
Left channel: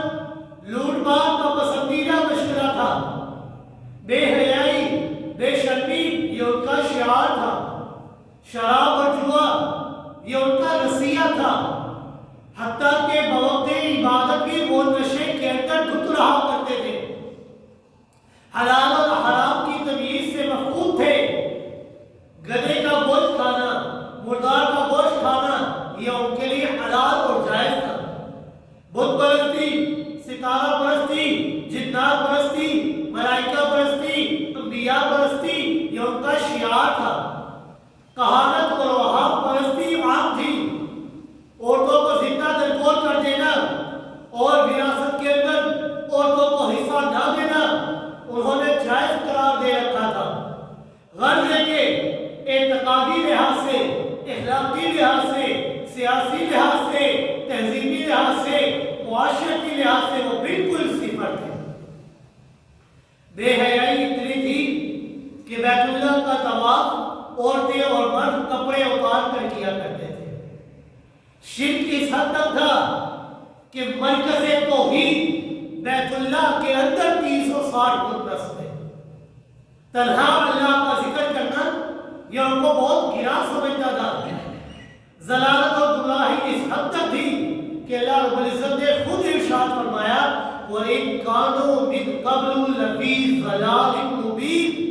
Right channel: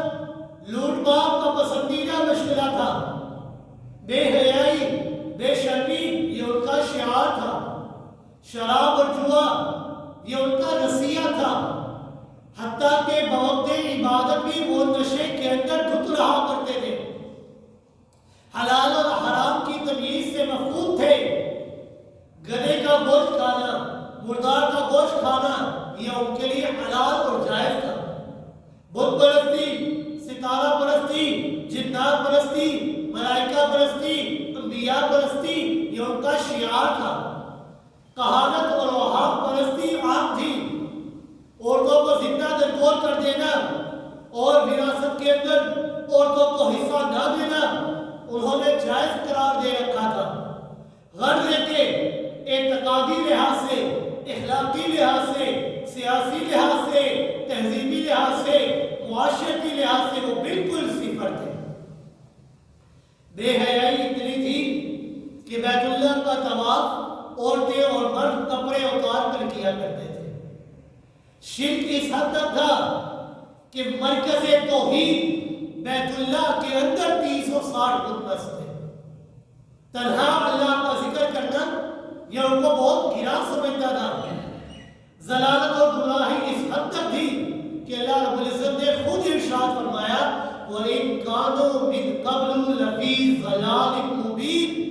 لوٹ مار کا پسندیدہ مشغلہ تھا، بے حیائی، بے شرمی یہ ان کا شعار تھا، شراب اور جوا یہ ان کا رسیہ تھا، حتیٰ کہ بوقت عبادت بھی وہ نشے کے اندر دھت رہا کرتے تھے، حلال اور حرام کی تمیز سے مفقود تھے، گدھے کا گوشت کھانا، مردار کا گوشت کھانا یہ ان کے لیے حلال اور جائز تھا، بت پرستی، ستارہ پرستی، جنات پرستی، ملائکہ پرستی، انبیاء پرستی یہ ان کا شعار تھا، کہانت اور وہاب پرستی عام تھی، عورتوں کو زندہ درگور کر دینا اور وراثت کے اندر عورتوں کو حصہ نہ دینا انہوں نے جائز قرار دے رکھا تھا۔ غرض ہے کہ اعتقادی لحاظ سے، اخلاقی لحاظ سے، سیاسی لحاظ سے، تہذیبی لحاظ سے، معاشرتی لحاظ سے وہ بالکل صفر تھے۔ بے حیائی اتنی تھی کہ بیت اللہ کا طواف عورتیں اور مرد کپڑے اتار کر کیا کرتے تھے۔ شرک اس حد تک تھا کہ مرکز توحید بیت اللہ کے اندر 360 بت نصب تھے۔ تنہا اللہ کا ذکر کرنا یہ ان کو بہت گرا سمجھتا تھا۔ ضلالت اور گمراہی اس حد تک تھی کہ اللہ رب العزت نے خود ارشاد فرمایا وَإِن كَانُوا مِن قَبْلُ لَفِي ضَلَالٍ مُبِينٍ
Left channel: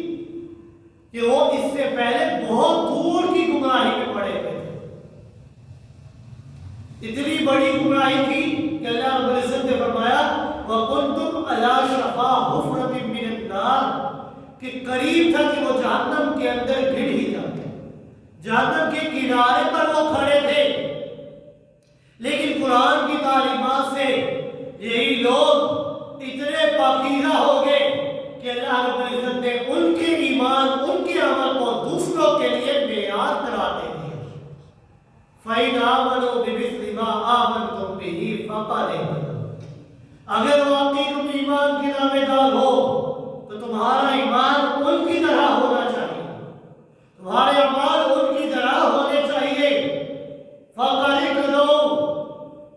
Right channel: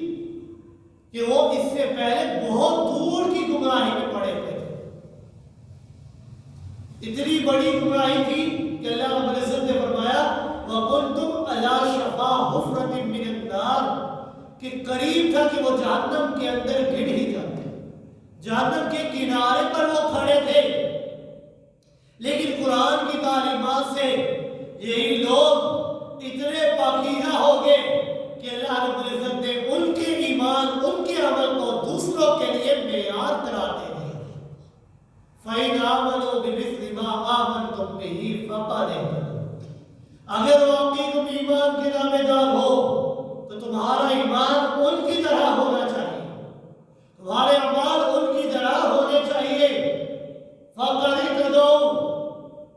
کہ وہ اس سے پہلے بہت دور کی گمراہی میں پڑے ہوئے تھے۔ اتنی بڑی گمراہی تھی کہ اللہ رب العزت نے فرمایا وَكُنْتُمْ عَلَى شَفَا حُفْرَةٍ مِّنَ النَّارِ کہ قریب تھا کہ وہ جہنم کے اندر گر ہی جاتے، جہنم کے کنارے پر وہ کھڑے تھے، لیکن قرآن کی تعلیمات سے یہی لوگ اتنے پاکیزہ ہو گئے کہ اللہ رب العزت نے ان کے ایمان، ان کے عمل کو دوسروں کے لیے معیار قرار دے دیا۔ فَإِنْ آمَنُوا بِمِثْلِ مَا آمَنْتُمْ بِهِ فَقَدِ اهْتَدَوْا۔ اگر واقعی تم ایمان کے دعوے دار ہو تو تمہارا ایمان ان کی طرح ہونا چاہیے، تمہارے اعمال ان کی طرح ہونے چاہیے۔ فَقَدِ اهْتَدَوْا،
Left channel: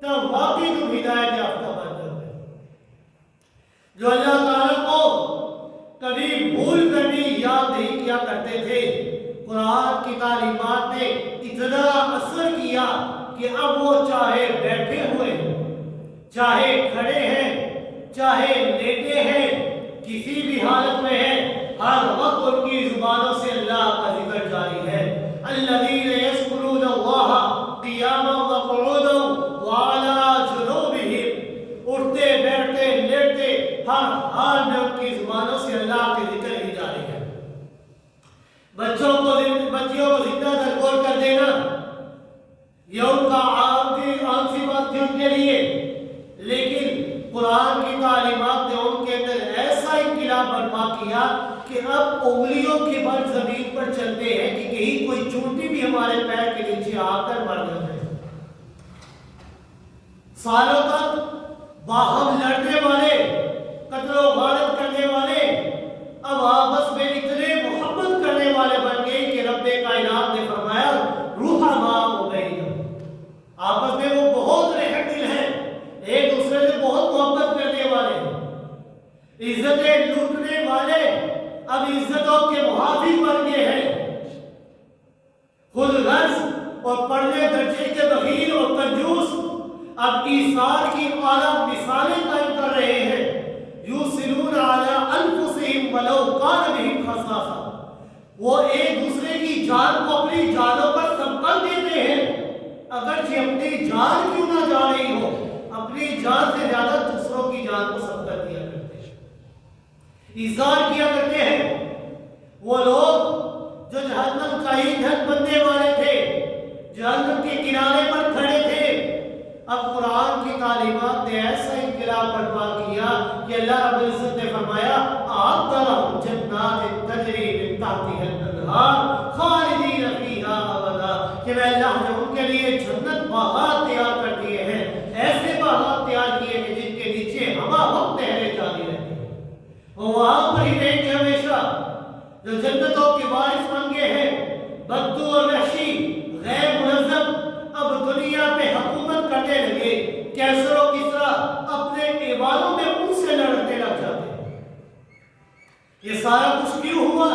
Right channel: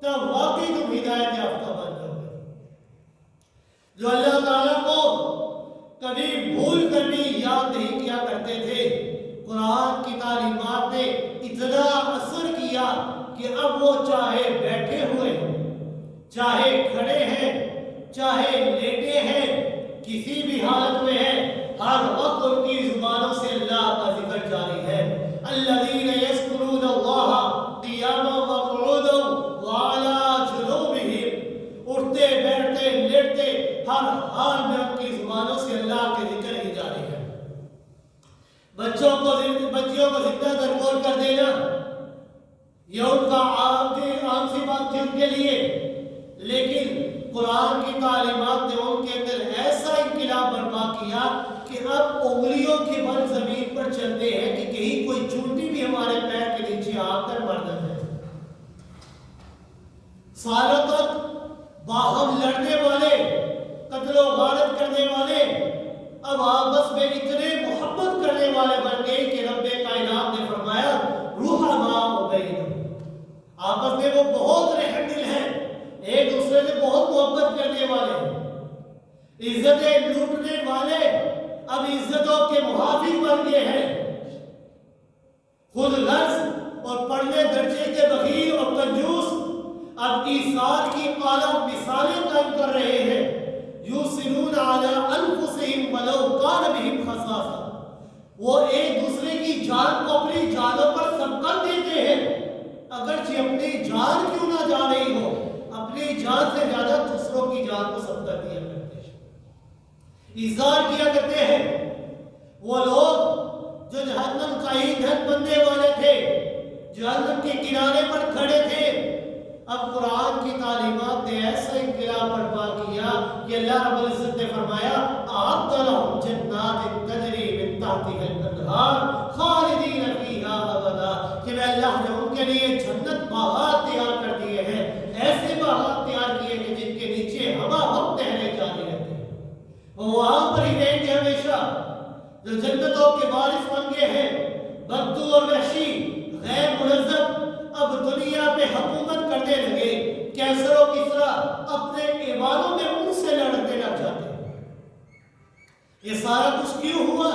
تب واقعی تم ہدایت یافتہ بن جاؤ گے۔ جو اللہ تعالیٰ کو کبھی بھول کر بھی یاد نہیں کیا کرتے تھے، قرآن کی تعلیمات نے اتنا اثر کیا کہ اب وہ چاہے بیٹھے ہوئے ہیں، چاہے کھڑے ہیں، چاہے لیٹے ہیں، کسی بھی حالت میں ہیں، ہر وقت ان کی زبانوں سے اللہ کا ذکر جاری ہے۔ الذین یذکرون اللہ قیاما وقعودا وعلی جنوبہم، اٹھتے بیٹھتے لیٹتے ہر حال میں ان کی زبانوں سے اللہ کے ذکر ہی جاری ہے۔ بچیوں کو زندہ درگور کر دینا یہ ان کا عام سی بات تھی ان کے لیے، لیکن قرآن کی تعلیمات نے ان کے اندر ایسا انقلاب برپا کیا کہ اب انگلیوں کے بل زمین پر چلتے ہیں کہ کہیں کوئی چونٹی بھی ہمارے پیر کے نیچے آ کر مر نہ جائے۔ سالوں تک باہم لڑنے والے، قتل و غارت کرنے والے، اب آپس میں اتنے محبت کرنے والے بن گئے کہ رب کائنات نے فرمایا رحماء بینہم، آپس میں وہ بہت رحم دل ہیں، ایک دوسرے سے بہت محبت کرنے والے ہیں۔ عزتیں لوٹنے والے اب عزتوں کے محافظ بن گئے ہیں، خود غرض اور پڑھنے درجے کے بخیل اور کنجوس اب ایثار کی اعلیٰ مثالیں قائم کر رہے ہیں۔ یؤثرون علی انفسہم ولو کان بہم خصاصہ، وہ ایک دوسرے کی جان کو اپنی جانوں پر سبقت دیتے ہیں، اگرچہ اپنی جان کیوں نہ جا رہی ہو، اپنی جان سے زیادہ دوسروں کی جان کو سبقت دیا کرتے ہیں، ایثار کیا کرتے ہیں۔ وہ لوگ جو جہنم کا ایندھن بننے والے تھے، جہنم کے کنارے پر کھڑے تھے، اب قرآن کی تعلیمات نے ایسا انقلاب برپا کیا کہ اللہ رب العزت نے فرمایا اعد لہم جنات تجری من تحتها الانہار خالدین فیہا ابدا، کہ میں اللہ نے ان کے لیے جنت باغات تیار کر دیے ہیں، ایسے باغات تیار کیے ہیں جن کے نیچے ہوا وقت نہریں جاری رہتی ہیں، وہ وہاں پر ہی رہیں گے ہمیشہ۔ جو جنتوں کے وارث بن گئے ہیں، بدو اور وحشی غیر منظم، اب دنیا پہ حکومت کرنے لگے، کیسر و کسرا اپنے ایوانوں میں ان سے لڑنے لگ جاتے ہیں۔ یہ سارا کچھ کیوں ہوا؟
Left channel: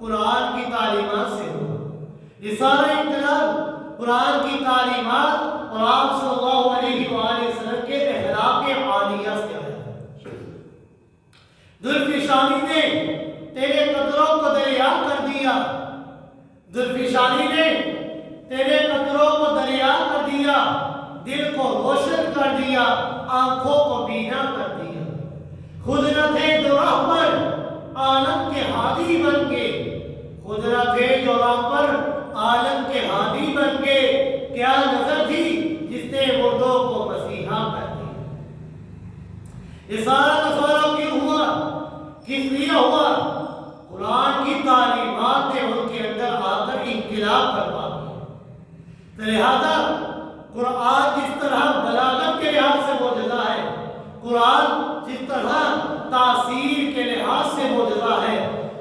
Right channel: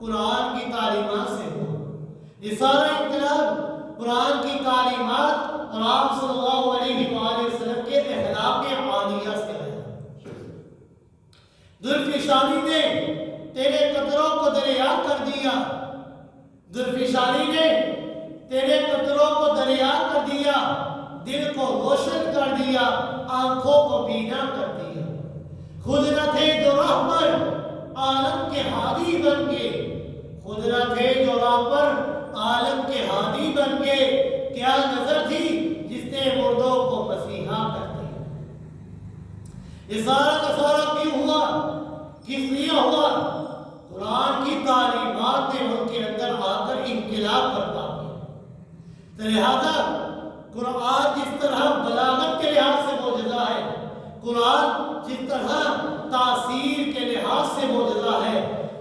قرآن کی تعلیمات سے ہوا۔ یہ سارا انقلاب قرآن کی تعلیمات اور آپ صلی اللہ علیہ وآلہ وسلم کے اخلاق عالیہ سے آیا۔ ذوالفشانی نے تیرے قطروں کو دریا کر دیا، ذوالفشانی نے تیرے قطروں کو دریا کر دیا، دل کو روشن کر دیا، آنکھوں کو بینا کر دیا۔ خود نہ تھے جو راہ پر عالم کے ہادی بن گئے، خود نہ تھے جو راہ پر عالم کے ہادی بن گئے، کیا نظر تھی جس نے مردوں کو مسیحا کر دیا۔ یہ سارا کا سارا کیوں ہوا؟ کس لیے ہوا؟ قرآن کی تعلیمات نے ان کے اندر آ کر انقلاب برپا کیا۔ لہذا قرآن جس طرح بلاغت کے لحاظ سے معجزہ ہے، قرآن جس طرح تاثیر کے لحاظ سے معجزہ ہے،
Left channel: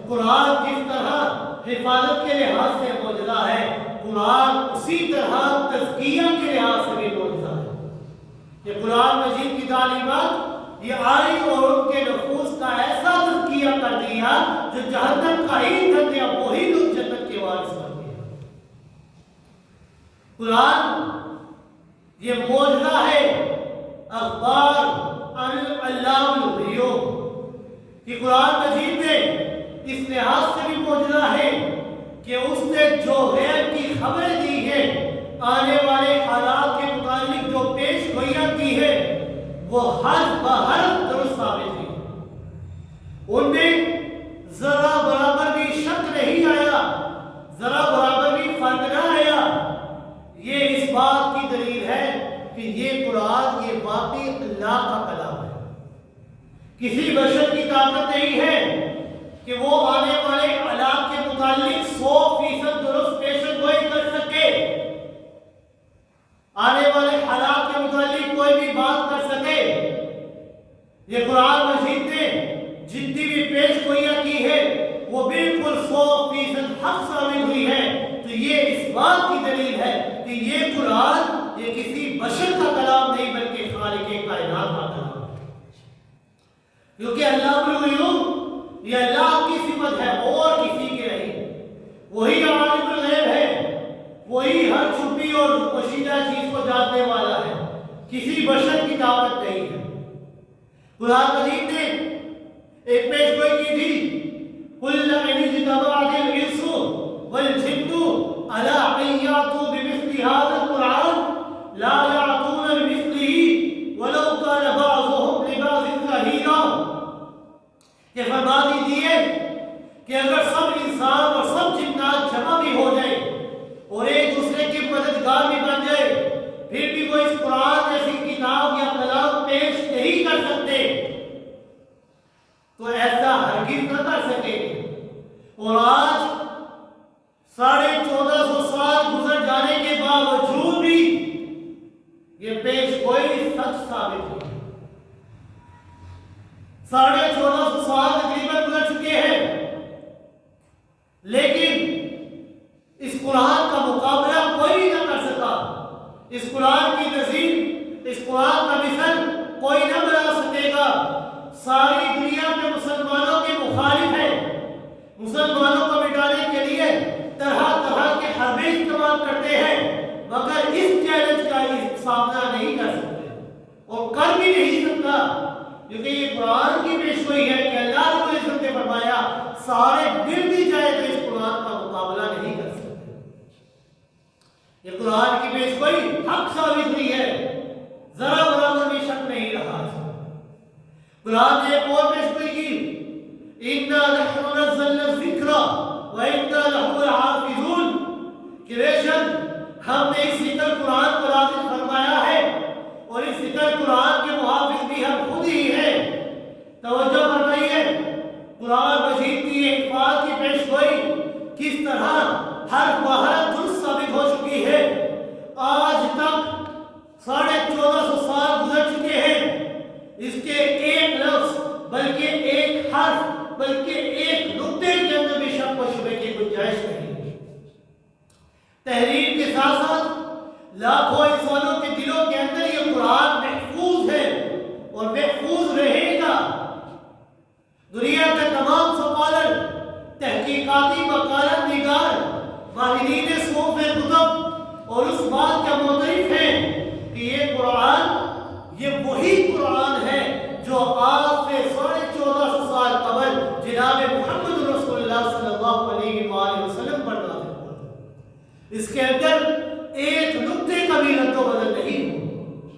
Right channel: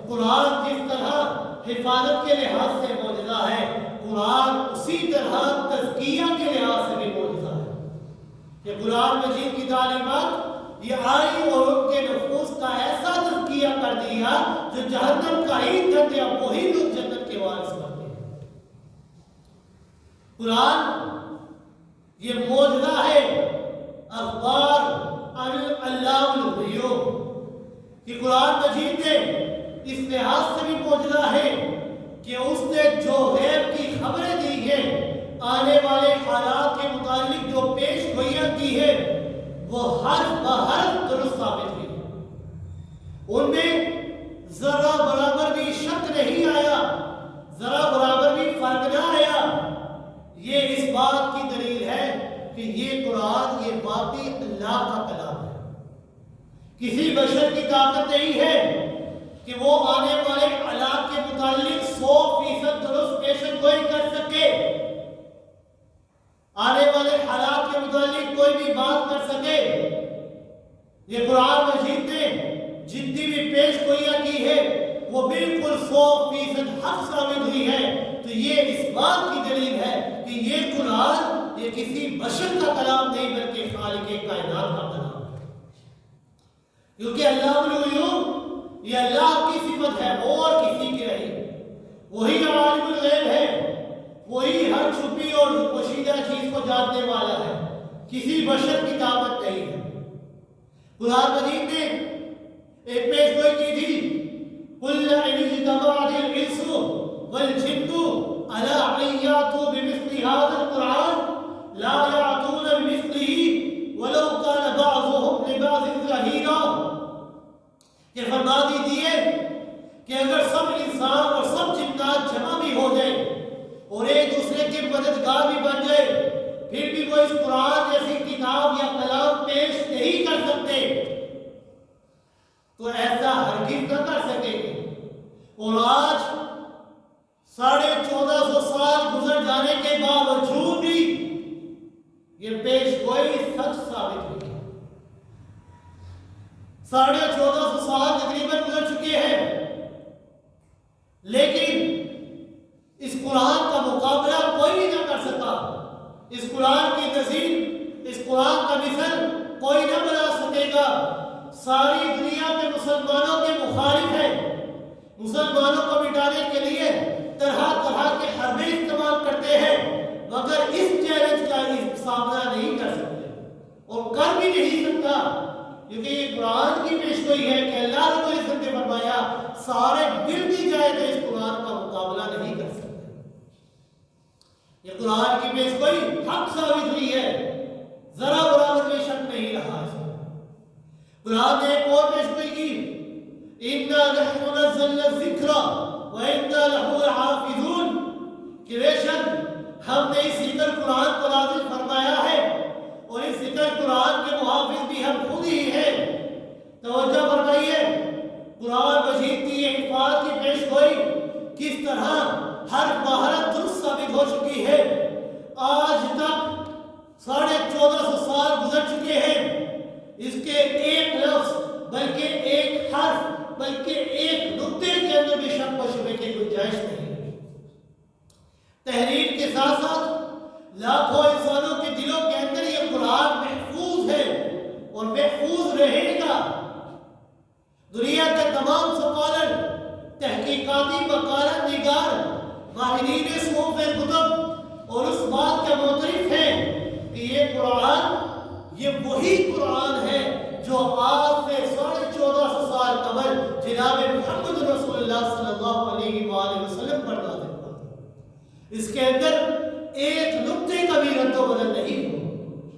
قرآن جس طرح حفاظت کے لحاظ سے معجزہ ہے، قرآن اسی طرح تزکیہ کے لحاظ سے بھی معجزہ ہے۔ کہ قرآن مجید کی تعلیمات یہ آئی اور ان کے نفوس کا ایسا تزکیہ کر دیا جو جہنم کا ایندھن تھے، اب وہی لوگ جنت کے وارث بن گئے۔ قرآن یہ معجزہ ہے، اخبار اللہ الغیوب، کہ قرآن مجید میں اس لحاظ سے بھی معجزہ ہے کہ اس نے جو غیب کی خبریں دی ہیں، آنے والے حالات کے متعلق جو پیش گوئیاں کی ہے، وہ حرف بحرف درست ثابت ہوئی۔ ان میں ذرا برابر بھی شک نہیں آیا، ذرا برابر بھی فرق نہ آیا۔ یہ اس بات کی دلیل ہے کہ یہ قرآن یہ واقعی اللہ کا کلام ہے، کسی بشر کی طاقت نہیں ہے کہ وہ آنے والے حالات کے متعلق 100% درست پیشن گوئی کر سکے، آنے والے حالات کے متعلق کوئی بھی بات کر سکے۔ یہ قرآن مجید نے جتنی بھی پیش گوئیاں کی ہے وہ بالکل 100% حق ثابت ہوئی ہے۔ تو یہ اس بات کی دلیل ہے کہ یہ قرآن یہ کسی بشر کا کلام نہیں بلکہ خالق کائنات کا کلام ہے، کیونکہ اللہ الغیوب یہ اللہ کی صفت ہے اور کسی کی نہیں۔ وہی عالم الغیب ہے، وہی ہر چھپی اور پوشیدہ چیز کو جاننے والا ہے، کسی بشر کی طاقت نہیں ہے۔ قرآن مجید نے ایک پیش گوئی کی تھی، قُلْ إِنِ اجْتَمَعَتِ الْإِنسُ وَالْجِنُّ عَلَىٰ أَن يَأْتُوا بِمِثْلِ هَٰذَا الْقُرْآنِ لَا يَأْتُونَ بِمِثْلِهِ وَلَوْ كَانَ بَعْضُهُمْ لِبَعْضٍ ظَهِيرًا۔ کہ فرما دیجیے کہ اگر سب انسان اور سب جنات جمع بھی ہو جائے اور ایک دوسرے کے مددگار بھی بن جائے، پھر بھی وہ اس قرآن جیسی کتاب یا کلام پیش نہیں کر سکتے، تو ایسا ہرگز نہ کر سکے۔ اور آج 1450 سال گزر جانے کے باوجود بھی یہ پیش گوئی سچ ثابت ہوئی۔ 1450 سال تقریباً گزر چکے ہیں، لیکن اس قرآن کا مقابلہ کوئی نہ کر سکا، اس قرآن کی نظیر، اس قرآن کا مثل کوئی نہ بنا سکے گا۔ ساری دنیا میں مسلمانوں کے مخالف ہیں، مسلمانوں کو مٹانے کے لیے طرح طرح کے حربے استعمال کرتے ہیں، مگر اس چیلنج کا سامنا نہیں کر سکتے اور کر بھی نہیں سکتا، کیونکہ یہ قرآن کی پیش گوئی ہے کہ اللہ رب العزت نے فرمایا سارے مل بھی جائے تو اس قرآن کا مقابلہ نہیں کر سکتے۔ یہ قرآن کی پیش گوئی حق ثابت ہوئی ہے، ذرا برابر بھی شک نہیں رہا ہے۔ قرآن نے ایک اور پیش گوئی کی، اِنَّا نَحْنُ نَزَّلْنَا الذِّكْرَ وَإِنَّا لَهُ لَحَافِظُونَ، کہ بے شک ہم نے اس ذکر قرآن کو نازل فرمایا ہے اور اس ذکر قرآن کے محافظ بھی ہم خود ہی ہیں۔ توجہ فرمائیے، قرآن مجید کی حفاظت کی پیش گوئی کس طرح ہر مہارت درست ثابت ہو چکی ہے۔ آج تک 1450 سال گزر چکے ہیں، اس کے ایک لفظ بلکہ ایک حرف بلکہ ایک نقطے کے اندر بھی شک و شبہ کی گنجائش نہیں۔ تحریر کے ساتھ ساتھ لاکھوں انسانوں کے دلوں کے اندر یہ قرآن محفوظ ہے اور محفوظ رہے گا۔ دنیا کے تمام سکالر، تحقیقاتی مقالت نگار، ماہرین صوف کتب اور اس بات کا معترف ہیں کہ یہ قرآن یہ وہی قرآن ہے جو آج سے 1450 سال قبل جناب محمد رسول اللہ صلی اللہ علیہ وآلہ وسلم پر نازل ہوا تھا۔ اس کے اندر ایک نقطے کا بھی رد و بدل نہیں ہوا۔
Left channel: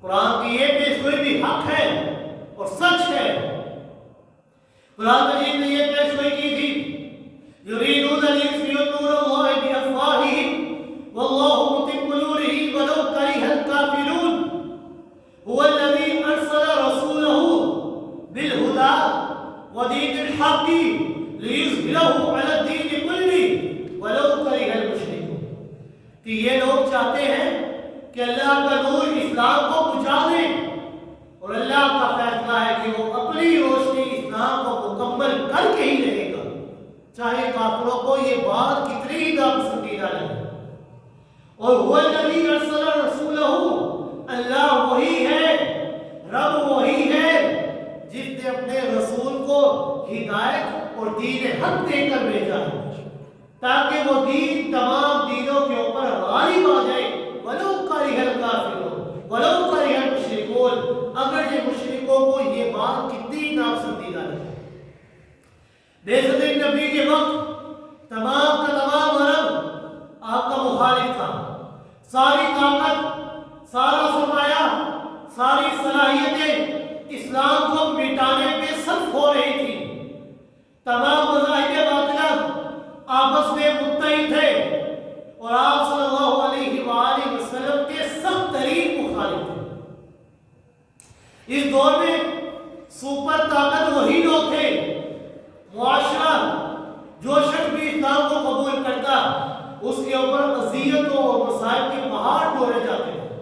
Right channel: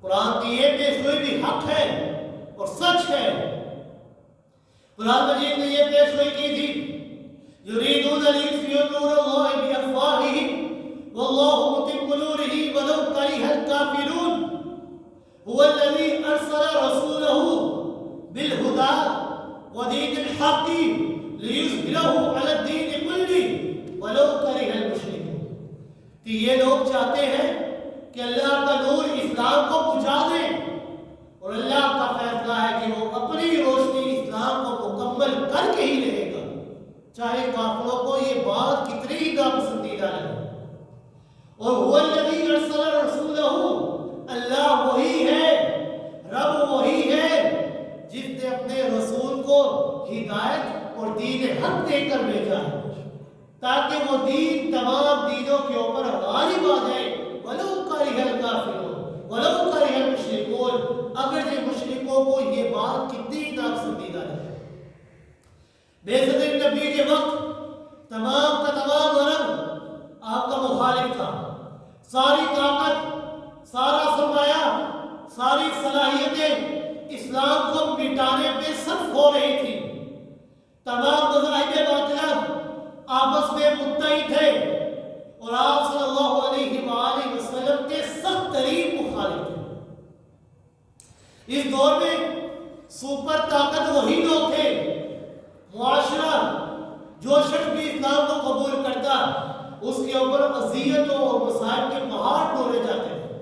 قرآن کی یہ پیش گوئی بھی حق ہے اور سچ ہے۔ قرآن مجید نے یہ پیش گوئی کی تھی، یریدون لیطفئوا نور اللہ بافواہہم واللہ متم نورہ ولو کرہ الکافرون هو الذی ارسل رسولہ بالہدی ودین الحق لیظہرہ علی الدین کلہ ولو کرہ المشرکون، کہ یہ لوگ چاہتے ہیں کہ اللہ کا نور اسلام کو بجھا دے، اور اللہ کا فیصلہ ہے کہ وہ اپنی روشنی اسلام کو مکمل کر کے ہی رہے گا، چاہے کافروں کو یہ بات کتنی ہی ناپسندیدہ لگے۔ اور هو الذی ارسل رسولہ، اللہ وہی ہے، رب وہی ہے جس نے اپنے رسول کو ہدایت اور دین حق دے کر بھیجا ہے تاکہ وہ دین تمام دینوں کے اوپر غالب آ جائے۔ وَلَوْ كَرِهَ الْكَافِرُونَ وَلَوْ كَرِهَ الْمُشْرِكُونَ، اگر یہ مشرکوں کو یہ بات کتنی ناپسندیدہ لگے۔ بعثت نبی کے وقت تمام کا تمام عرب آپ کا مخالف تھا، ساری طاقت، سارا سرمایہ، ساری صلاحیتیں اسلام کو مٹانے پہ صرف ہو رہی تھی۔ تمام مذاہب باطلہ آپس میں متحد تھے اور آپ صلی اللہ علیہ وآلہ وسلم کے سخت ترین مخالف تھے۔ اس دور میں سپر طاقت وہی لوگ تھے، معاشرہ جو شخص بھی اسلام کو قبول کرتا اس کے اوپر اذیتوں اور مسائل کے پہاڑ ڈھوڑے جاتے تھے،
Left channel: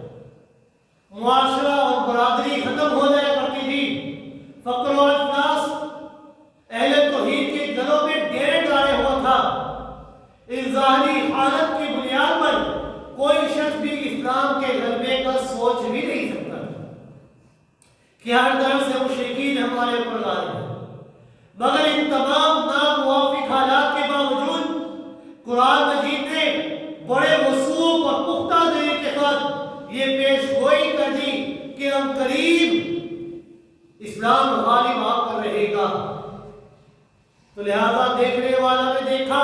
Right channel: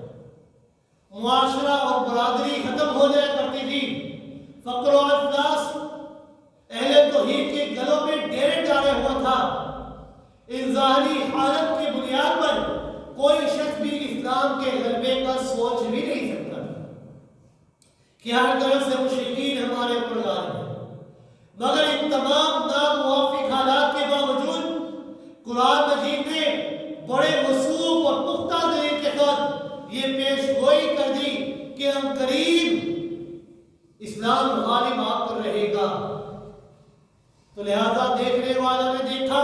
معاشرہ اور برادری ختم ہو جایا کرتی تھی، فقر و افلاس اہل توحید کے گلوں میں ڈیرے ڈالے ہوا تھا۔ اس ظاہری حالت کی بنیاد پر کوئی شخص بھی اسلام کے غلبے کا سوچ بھی نہیں سکتا کہ ہر طرف سے مشرکین ہمارے اوپر غالب ہیں، مگر ان تمام ناموافق حالات کے باوجود قرآن مجید نے بڑے وثوق اور پختہ دلیل کے ساتھ یہ پیش گوئی کر دی کہ ہم قریب اسلام غالب آ کر رہے گا۔ تو لہذا دیکھنے والا نے دیکھا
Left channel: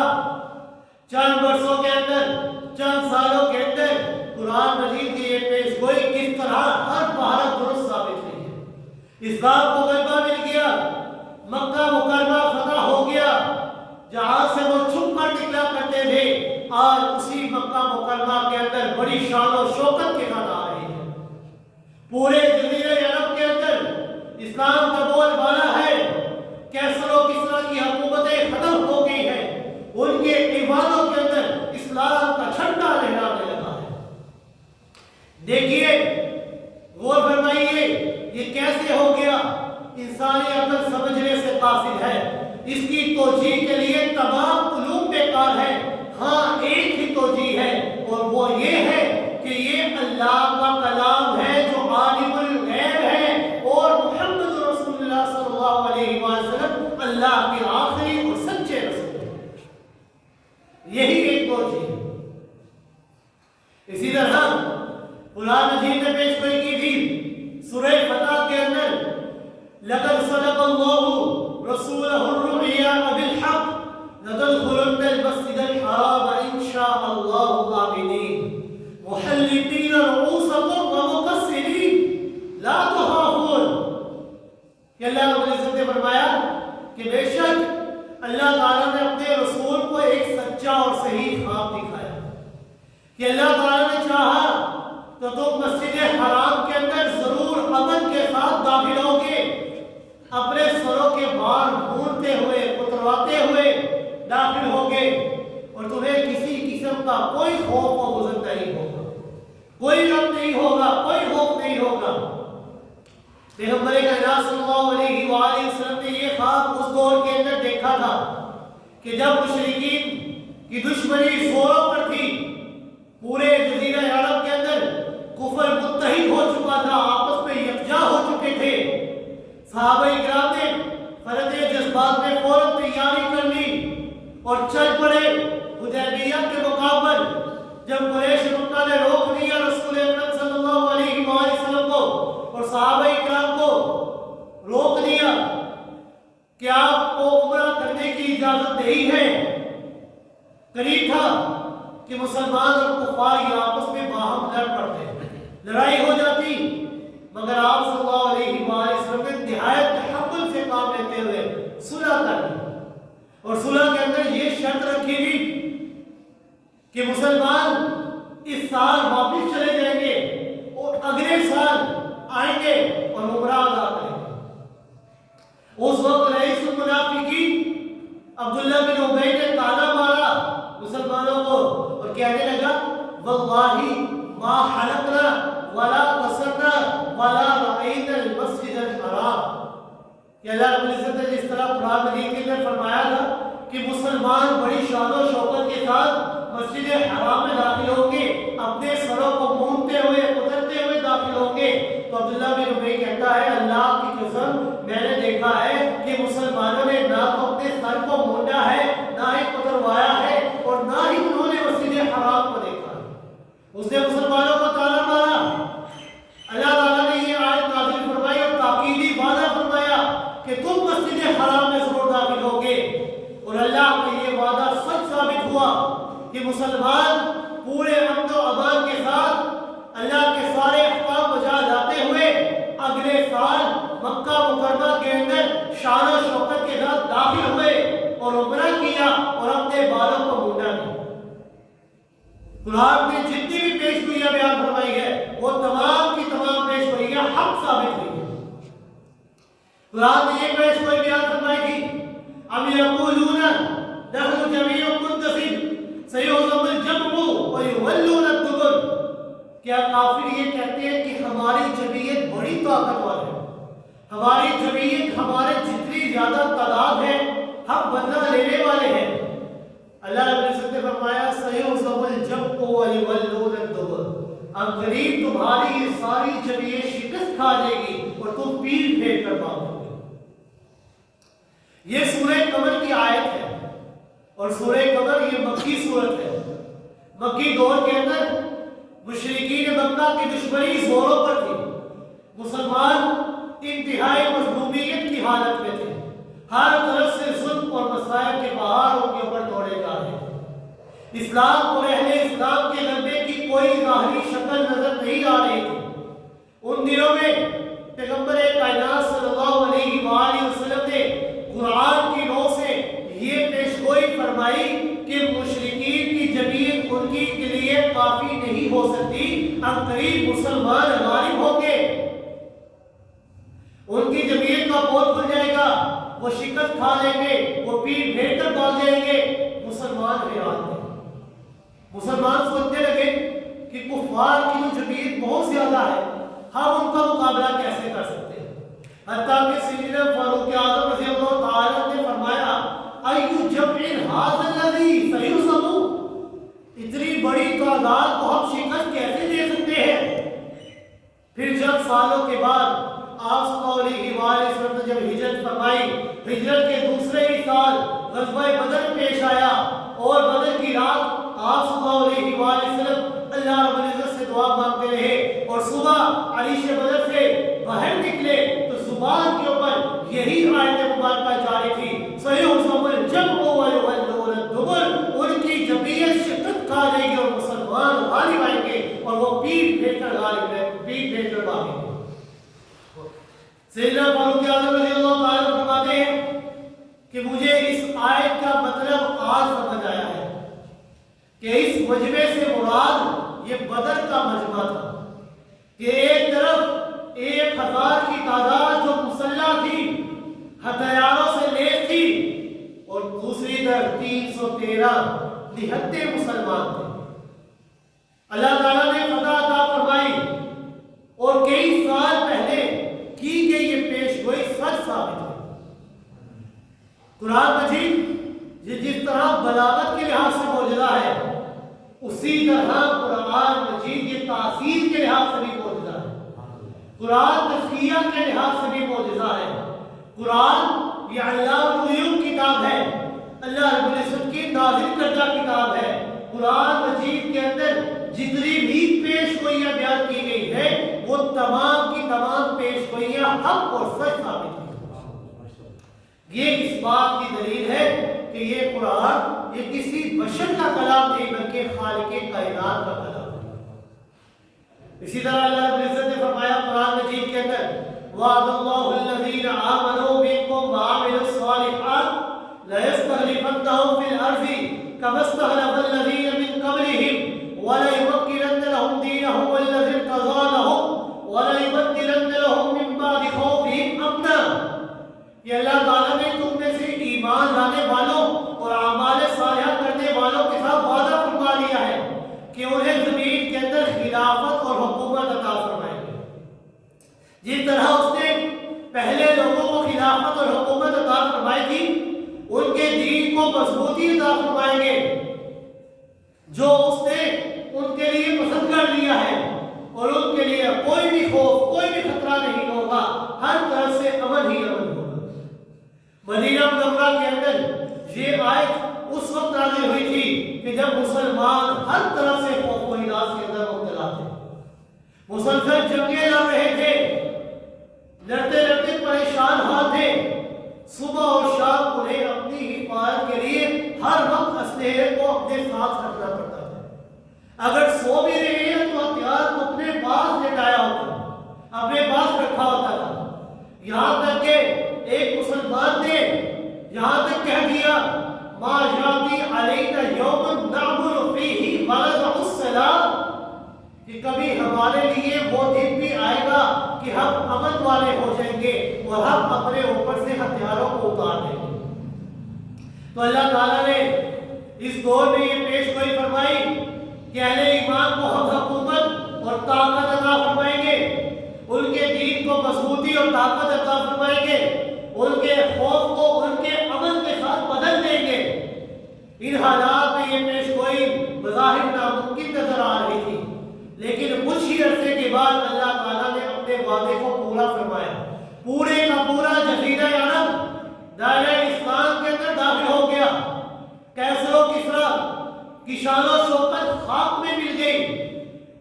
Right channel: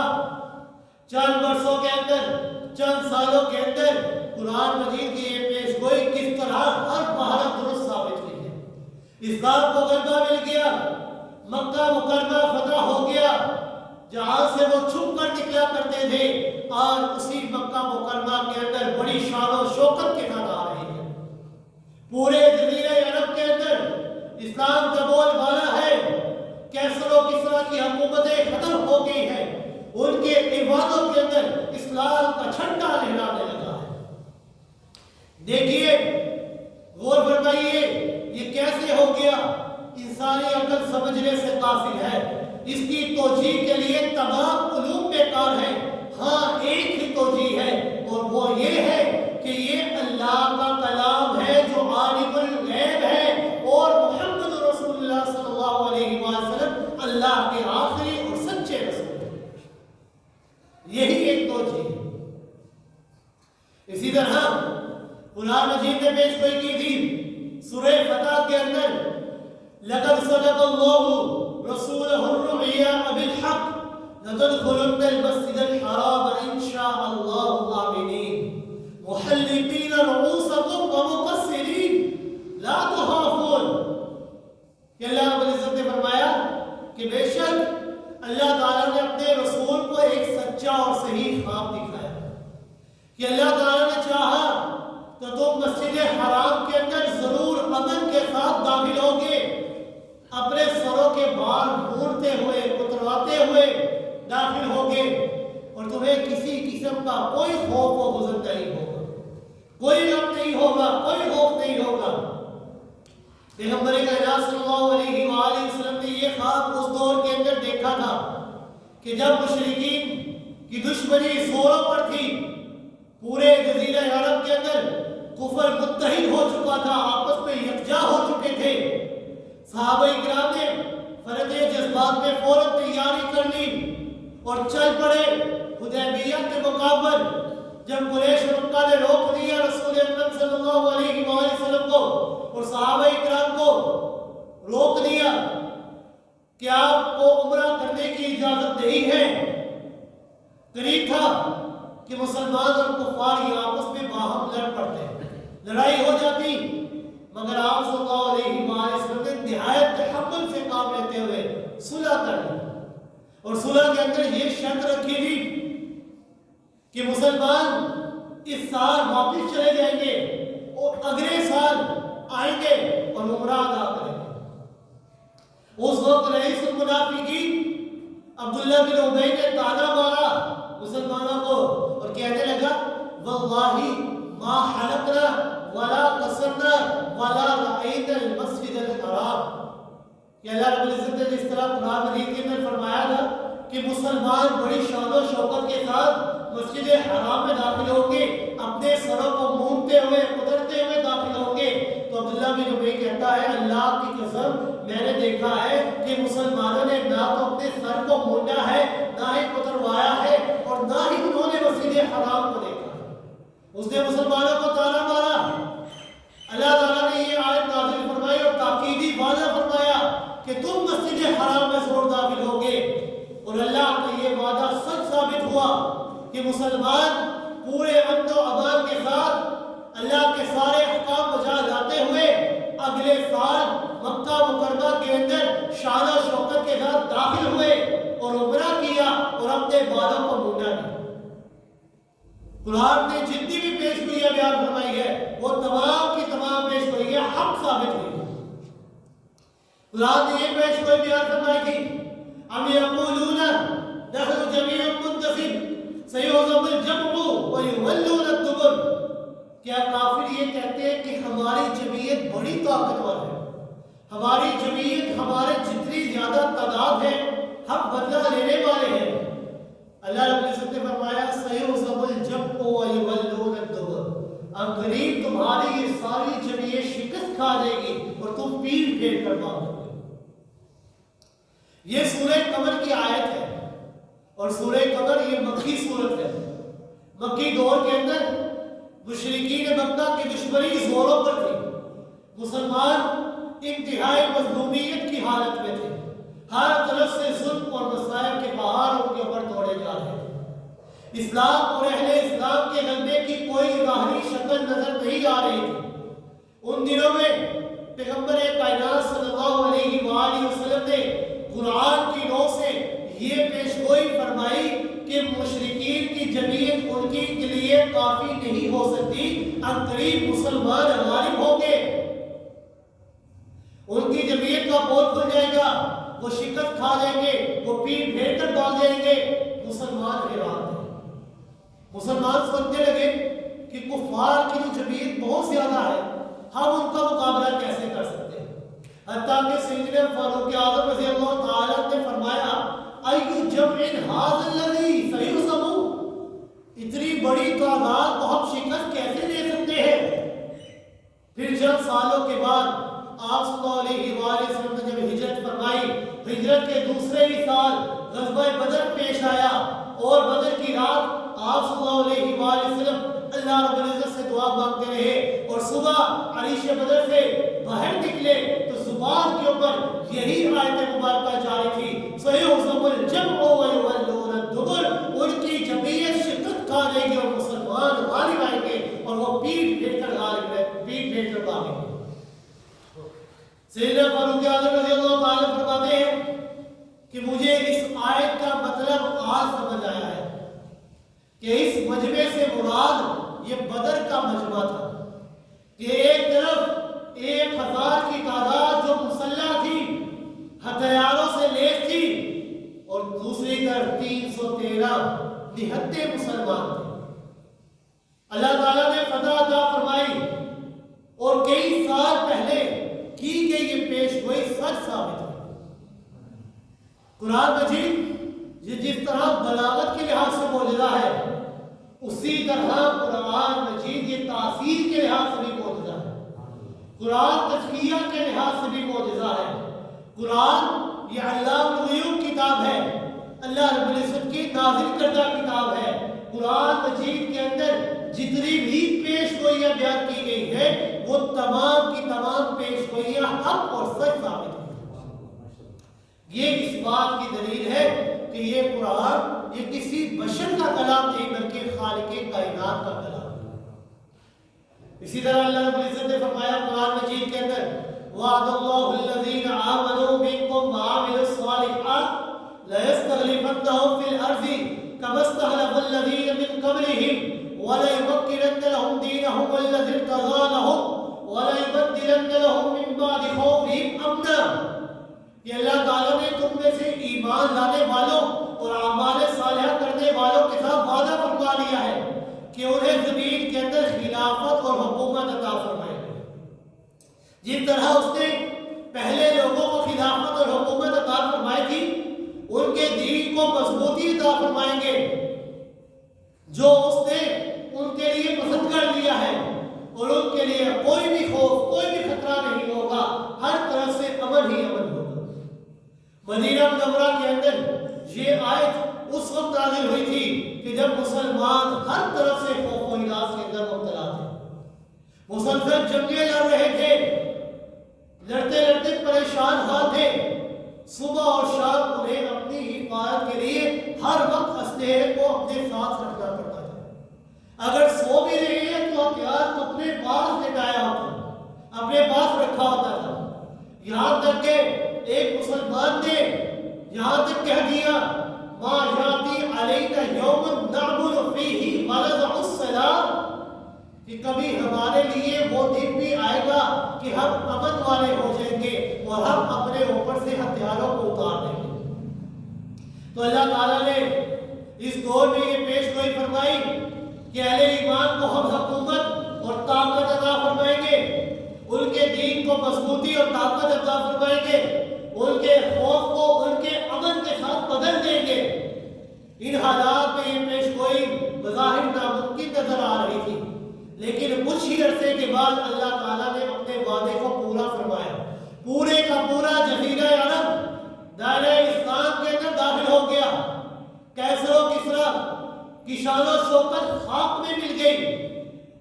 چند برسوں کے اندر، چند سالوں کے اندر قرآن مجید کی یہ پیش گوئی کس طرح ہر بہرحال درست ثابت ہوئی ہے۔ اسلام کو غلبہ مل گیا، مکہ مکرمہ فتح ہو گیا، جہاں سے وہ چھپ کر نکلا کرتے تھے آج اسی مکہ مکرمہ کے اندر بڑی شان و شوکت کے ساتھ آ رہے ہیں۔ پورے جزیرہ عرب کے اندر اسلام کا بول بالا ہے، کیسر و کسریٰ کی حکومتیں ختم ہو گئی ہیں، ان کے ایوانوں کے اندر اسلام کا جھنڈا لہرانے لگا ہے۔ دیکھیے، غور فرمائیے، یہ کیسے ہو گیا؟ انسانی عقل سمجھنے سے قاصر ہے، اس کی توجیہ کے لیے تمام علوم بیکار ہیں۔ ہاں، ایک ہی توجیہ ہے اور وہ یہ ہے کہ یہ اللہ کا کلام ہے جو عالم الغیب ہے اور محمد رسول اللہ صلی اللہ علیہ وسلم اللہ کے آخری اور سچے رسول ہیں۔ یہی ایک توجیہ ہے۔ اسی طرح قرآن مجید نے پیش گوئی کی تھی سورہ فتح کے اندر، لَقَدْ صَدَقَ اللَّهُ رَسُولَهُ الرُّؤْيَا بِالْحَقِّ لَتَدْخُلُنَّ الْمَسْجِدَ الْحَرَامَ إِنْ شَاءَ اللَّهُ آمِنِينَ مُحَلِّقِينَ رُءُوسَكُمْ وَمُقَصِّرِينَ لَا تَخَافُونَ کہ اللہ رب العزت نے فرمایا کہ بے شک اللہ تعالیٰ نے اپنے رسول کو ایک سچا اور صحیح خواب دکھایا کہ اللہ تعالیٰ نے چاہا تو تم مسجد حرام کے اندر ضرور امن کے ساتھ داخل ہوگے، اپنے سروں کے بال مونڈتے ہوئے، کترواتے ہوئے داخل ہوگے، اور تمہیں کسی قسم کا کوئی خوف و حزن نہیں ہوگا، کوئی غم نہیں ہوگا، کوئی خوف نہیں ہوگا۔ پیغمبر کائنات صلی اللہ علیہ وآلہ وسلم نے یہ خواب اس دور کے اندر دیکھا تھا کہ جب مشرکین کی دشمنی زوروں پر تھی، پورے جزیرہ عرب کے اندر کفر متحد ہو چکا تھا، آپس میں یکجا ہو چکے تھے، صحابہ کرام نے فرد جذبات میں فوراً تیاری کر لی اور چل پڑے حدیبیہ کے مقام پر۔ جب قریش مکہ نے روک دیا رسول اکرم صلی اللہ علیہ وآلہ وسلم کو اور صحابہ کرام کو روک دیا کہ آپ کو عمرہ کرنے کی اجازت نہیں ہے، قریب تھا کہ مسلمان اور کفار یہ آپس میں باہم لڑ پڑتے، لڑائی ہو جاتی، مگر آپ صلی اللہ علیہ وآلہ وسلم نے نہایت تحمل سے کام لیتے ہوئے صلح کر لی، اور صلح کے اندر یہ شرط رکھی تھی کہ مسلمان اس سال واپس چلے جائیں گے اور اگلے سال آئیں گے اور عمرہ ادا کریں گے۔ اس وقت رئیس المنافقین عبداللہ بن ابی نے تانا مارا مسلمانوں کو اور کہنے لگا، واللہ ما حلقنا ولا قصرنا ولا رأينا المسجد الحرام، کہ اللہ رب العزت نے جس طرح قرآن مجید کے اندر فرمایا تھا کہ مسلمان بڑی شان و شوکت کے ساتھ مسجد حرام میں داخل ہوں گے، اپنے سروں کو مونتے ہوئے اترتے ہوئے داخل ہوں گے، تو عبداللہ بن ابی کہتا ہے اللہ کی قسم میں نے دیکھا ہے کہ مسلمانوں نے نہ تو اپنے سر کو مونڈا ہے، نہ ہی اتروایا ہے، اور نہ ہی انہوں نے مسجد حرام کو دیکھا ہے۔ اس نے مسلمانوں کو تانا مارا۔ اللہ تعالیٰ نے یہ آیت نازل فرمائی اور تاکیدی وعدہ فرمایا کہ تم مسجد حرام میں ضرور داخل ہوگے، اور اللہ کا یہ وعدہ سچ ثابت ہوا کہ مسلمان پورے امن و امان کے ساتھ اللہ کے سارے احکام بجا لاتے ہوئے اگلے سال مکہ مکرمہ کے اندر شان و شوکت کے ساتھ داخل ہوئے اور عمرہ کیا اور اپنے بالوں کو مونڈا بھی۔ قرآن نے جتنی بھی پیش گوئیاں بیان فرمائی ہے وہ تمام کی تمام پیش گوئیاں حق ثابت ہوئی ہیں۔ قرآن نے یہ پیش کوئی بیان فرمائی تھی ام یقولون نحن جمیع منتصر سیہزم الجمع ویولون الدبر، کیا کافر یہ کہتے ہیں کہ ہماری جمعیت بڑی طاقتور ہے، ہماری جمعیت ہمارے جتنی زیادہ تعداد ہے ہم بدلہ لینے والے ہیں؟ اللہ رب العزت نے فرمایا سیہزم الجمع ویولون الدبر، اب قریب تمہاری یہ ساری جمعیت شکست کھا جائے گی اور تم پیٹ پھیر کر بھاگو گے۔ یہ سورہ قمر کی آیت ہے اور سورہ قمر یہ مکی صورت ہے۔ مکی دور کے اندر مشرکین مکہ کی دشمنی زوروں پر تھی، مسلمان انتہائی مظلومیت کی حالت میں تھے، ہر طرف سے ظلم اور مصائب کے پہاڑ ان کے اوپر توڑے جا رہے تھے، اسلام اور اہل اسلام کے غلبے کی کوئی ظاہری شکل نظر نہیں آ رہی تھی۔ ان دنوں میں پیغمبر کائنات صلی اللہ علیہ وآلہ وسلم نے قرآن کی نو سے یہ پیشگوئی فرمائی کہ مشرکین کی جمعیت ان کے لیے کافی نہیں ہو سکتی، عنقریب مسلمان غالب ہوں گے، ان کی جمعیت کا پول کھل جائے گا، وہ شکست کھا جائیں گے، وہ پیٹ پھیر کر بھاگ جائیں گے۔ مسلمان حیران تھے، مسلمان سوچنے لگے کہ کفار کی جو جمعیت بہت زیادہ ہے، ہم ان کا مقابلہ کیسے کر سکتے ہیں؟ حتیٰ کہ سیدنا فاروق اعظم رضی اللہ تعالیٰ نے فرمایا ایو جمع ھذا الذی سیہزم، اتنی بڑی تعداد کو ہم شکست کیسے دے سکتے ہیں؟ پھر چند سالوں کے بعد آپ صلی اللہ علیہ وآلہ وسلم نے جب ہجرت فرمائی، ہجرت کے دوسرے ہی سال غزوہ بدر پیش آیا اور بدر کی رات آپ صلی اللہ علیہ وآلہ وسلم اللہ رب العزت سے دعا مانگتے رہے اور صبح عریش بدر سے باہر نکلے تو زبان کے اوپر یہی آیت مبارکہ جاری تھی سیہزم الجمع ویولون الدبر، ان کی جمعیت شکست کھا جائے گی اور مسلمان غالب آئیں گے اور وہ پیٹ پھیر کر بھاگیں گے۔ سیدنا فاروق اعظم رضی اللہ تعالیٰ فرماتے ہیں کہ مجھے اس آیت کا مطلب آج سمجھ آیا ہے کہ اس مجمع سے مراد یہ بدر کا مجمع تھا کہ ایک طرف 1000 کی تعداد جو مسلح تھی، ہتھیاروں سے لیس تھی، اور دوسری طرف 313 نہتے مسلمان تھے۔ اللہ تعالیٰ نے فتح عطا فرمائی اور کئی سال پہلے کی گئی یہ پیش گوئی سچ ثابت ہے۔ قرآن مجید جس طرح بلاغت کے لحاظ سے معجزہ ہے، اسی طرح قرآن مجید یہ تاثیر کے لحاظ سے بھی معجزہ ہے، قرآن تفسیر کے لحاظ سے بھی معجزہ ہے۔ قرآن یہ علام الغیوب کتاب ہے، اللہ رب العزت کی نازل کردہ کتاب ہے۔ قرآن مجید کے اندر جتنی بھی پیش گوئیاں بیان کی گئی ہے وہ تمام کی تمام پیش گوئیاں حق اور سچ ثابت ہیں۔ یہ اس بات کی دلیل ہے کہ یہ قرآن یہ کسی بشر کا کلام نہیں بلکہ خالق کائنات کا کلام ہے۔ اسی طرح اللہ رب العزت نے فرمایا قرآن مجید کے اندر وعد اللہ الذین آمنوا منکم وعملوا الصالحات لَيَسْتَخْلِفَنَّهُمْ فِي الْأَرْضِ كَمَا اسْتَخْلَفَ الَّذِينَ مِنْ قَبْلِهِمْ وَلَيُمَكِّنَنَّ لَهُمْ دِينَهُمُ الَّذِي ارْتَضَىٰ لَهُمْ وَلَيُبَدِّلَنَّ لَهُمْ مِنْ بَعْدِ خَوْفِهِمْ أَمْنًا۔ یہ اللہ تعالیٰ نے تم میں سے ایمان لانے والوں اور اعمال صالحہ کرنے والوں کے ساتھ وعدہ فرما لیا ہے کہ انہیں زمین کے اندر خلافت اور حکومت عطا فرمائے گے، جس طرح اس نے پہلے لوگوں کو خلافت اور حکومت عطا فرمائی تھی، ان کے دین کو مضبوطی عطا فرمائیں گے جو اس نے ان کے لیے پسند کر لیا ہے، اور ان کے لیے کوئی بھی خوف کوئی بھی خطرہ نہیں ہوگا، ہر طرف سے امن ہی امن ہوگا۔ مدینہ منورہ کے اندر یہ آیت اس وقت نازل ہوئی تھی کہ جب مسلمان ہر طرف سے خوف و ہراس کے اندر مبتلا تھے، مسلسل جنگیں لڑ رہے تھے، لڑتے لڑتے پریشان حال تھے، صبح اور شام انہیں اپنی حفاظت کے لیے ہر وقت اسلحے کو اپنے ساتھ رکھنا پڑتا تھا۔ اگر سو بھی رہے ہیں تو ہتھیار کو اپنے پاس لٹایا ہوتا، اپنے پاس رکھا ہوتا تھا، یہاں تک کہ ایک مسلمان نے یہاں تک کہہ دیا ما یاتی علینا یوم نعبد فیہ ونضع السلام، کہ کبھی ہمارے لیے وہ دن بھی آئے گا کہ ہم امن والے ہو جائیں گے اور ہم اپنے اوپر سے ہتھیاروں کو اتار دیں گے۔ تو اللہ تعالیٰ نے اس دور میں یہ پیش گوئی فرمائی کہ اہل ایمان کو ہم حکومت اور طاقت عطا فرمائیں گے، ان کے دین کو مضبوطی اور طاقت عطا فرمائیں گے، ان کے خوف کو ان کے امن کے ساتھ بدل دیں گے۔ ان حالات میں یہ پیش گوئی بظاہر ناممکن نظر آ رہی تھی، لیکن کچھ ہی عرصے کے بعد اللہ تعالیٰ نے اپنے وعدے کو پورا فرمایا۔ پورے کا پورا جزیرہ عرب دائرہ اسلام کے اندر داخل ہو گیا۔ کیسر و کسریٰ کی شان و شوکت خاک میں مل گئی،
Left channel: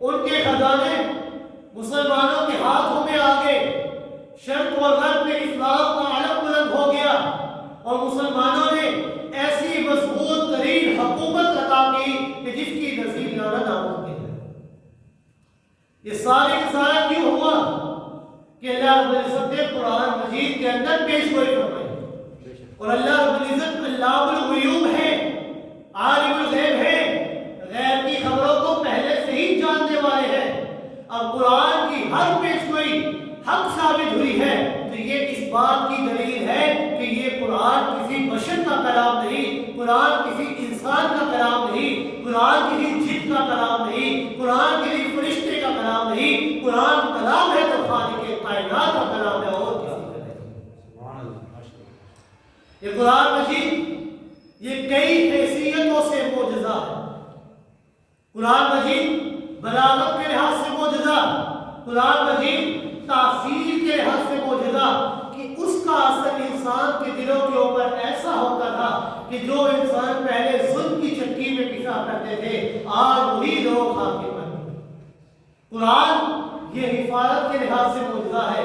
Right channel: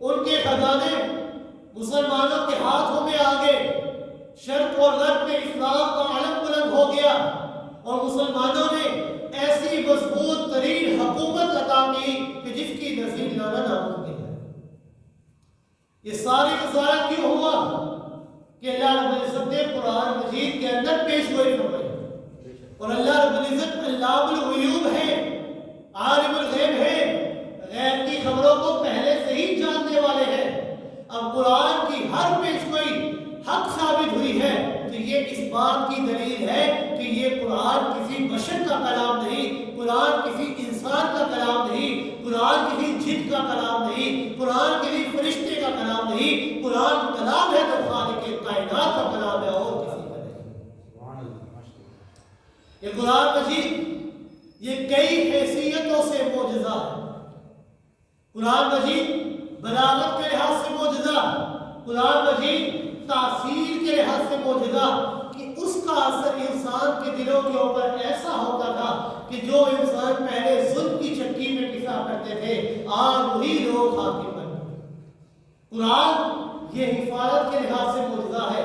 ان کے خزانے مسلمانوں کے ہاتھوں میں آ گئے، شرق اور غرب میں اسلام کا علم بلند ہو گیا اور مسلمانوں نے ایسی مضبوط ترین حکومت عطا کی کہ جس کی نظیر لانا ناممکن ہے۔ یہ سارے کا سارا کیوں ہوا کہ اللہ رب العزت نے قرآن مجید کے اندر پیش گوئی فرمائی، اور اللہ رب العزت علام الغیوب ہے، عالم الغیب ہے، غیب کی خبروں کو پہلے سے ہی جاننے والے ہیں۔ اب قرآن کی ہر پیش گوئی حق ثابت ہوئی ہے تو یہ اس بات کی دلیل ہے کہ یہ قرآن کسی بشر کا کلام نہیں، قرآن کسی انسان کا کلام نہیں، قرآن کسی جن کا کلام نہیں، قرآن کسی فرشتے کا کلام نہیں، قرآن کلام ہے تو خالق کائنات کا کلام ہے اور کسی کا نہیں۔ یہ قرآن مجید یہ کئی حیثیتوں سے معجزہ ہے۔ قرآن مجید بلاغت کے لحاظ سے معجزہ، قرآن مجید تاثیر کے لحاظ سے معجزہ کہ اس کا اثر انسان کے دلوں کے اوپر ایسا ہوتا تھا کہ جو انسان پہلے ظلم کی چکی میں پسا کرتے تھے آج وہی لوگ حاکم بن گئے۔ قرآن یہ حفاظت کے لحاظ سے معجزہ ہے۔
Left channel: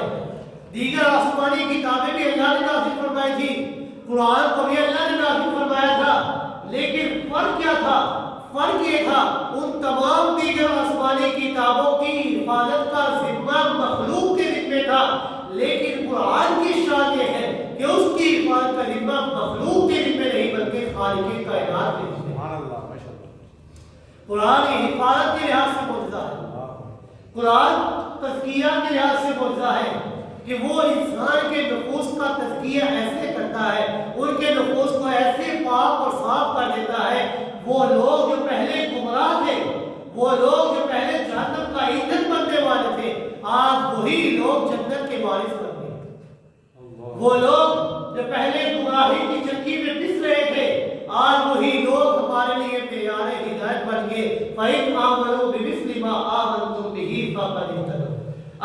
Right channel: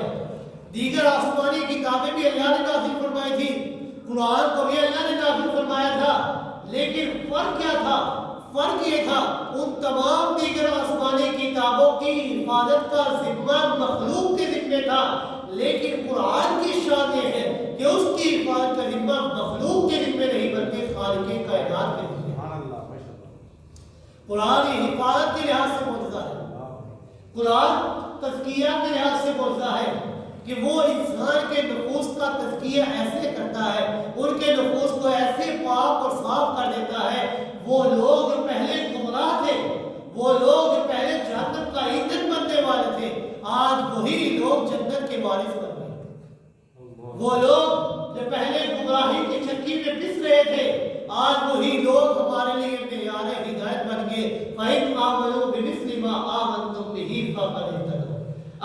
دیگر آسمانی کتابیں بھی اللہ نے نازل فرمائی تھی، قرآن کو بھی اللہ نے نازل فرمایا تھا، لیکن فرق کیا تھا؟ فرق یہ تھا ان تمام دیگر آسمانی کتابوں کی حفاظت کا ذمہ مخلوق کے ذمہ تھا، لیکن قرآن کی شان یہ ہے کہ اس کی حفاظت کا ذمہ مخلوق کے ذمہ نہیں بلکہ خالق کائنات کے ذمہ۔ قرآن یہ حفاظت کے لحاظ سے معجزہ ہے، قرآن تزکیہ کے لحاظ سے معجزہ ہے کہ وہ انسان کے نفوس کا تزکیہ ایسے کرتا ہے، ان کے نفوس کو ایسے پاک اور صاف کر دیتا ہے۔ وہ لوگ جو پہلے گمراہ تھے، وہ لوگ جو پہلے جہنم کا ایندھن بننے والے تھے، آج وہی لوگ جنت کے وارث بن گئے۔ وہ لوگ جو پہلے گمراہی کی چکی میں پس رہے تھے، آج وہی لوگ ہمارے لیے معیار ہدایت بن گئے۔ فَإِنْ آمَنُوا بِمِثْلِ مَا آمَنْتُمْ بِهِ فَقَدِ اهْتَدَوْا۔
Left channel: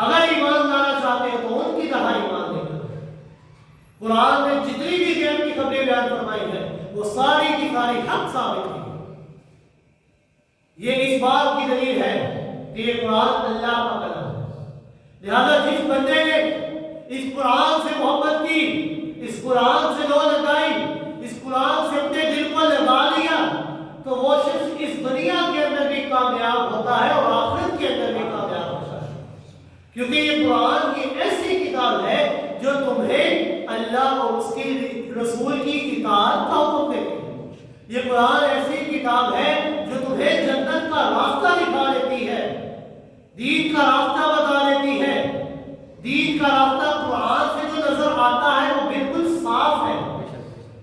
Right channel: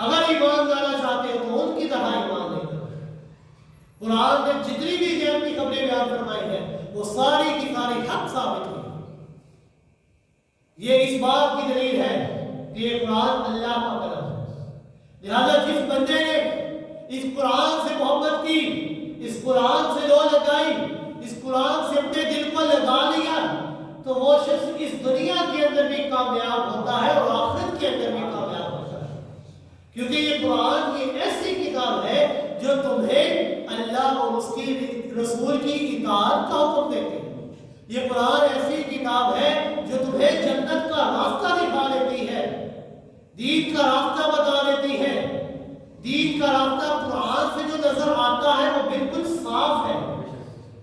اگر ایمان لانا چاہتے ہو تو ان کی طرح ایمان لے کر۔ قرآن میں جتنی بھی غیب کی خبریں بیان فرمائی ہیں وہ ساری کی ساری حق ثابت کی۔ یہ اس بات کی دلیل ہے کہ یہ قرآن اللہ کا کلام ہے۔ لہذا جس بندے نے اس قرآن سے محبت کی، اس قرآن سے لو لگائی، اس قرآن سے اپنے دل کو لگا لیا، تو وہ شخص اس دنیا کے اندر بھی کامیاب ہوتا ہے اور آخرت کے اندر بھی کامیاب ہوتا ہے، کیونکہ یہ قرآن کی ایسی کتاب ہے جو تمہیں اللہ اور اس کی رسول کی اطاعت کا حکم دیتی ہے۔ یہ قرآن ایسی کتاب ہے جو تمہیں جنت کا راستہ دکھا دیتی ہے، دین کا راستہ بتا دیتی ہے۔ دین کا راستہ قرآن سے جو نظر آتا ہے وہ بالکل صاف ہے،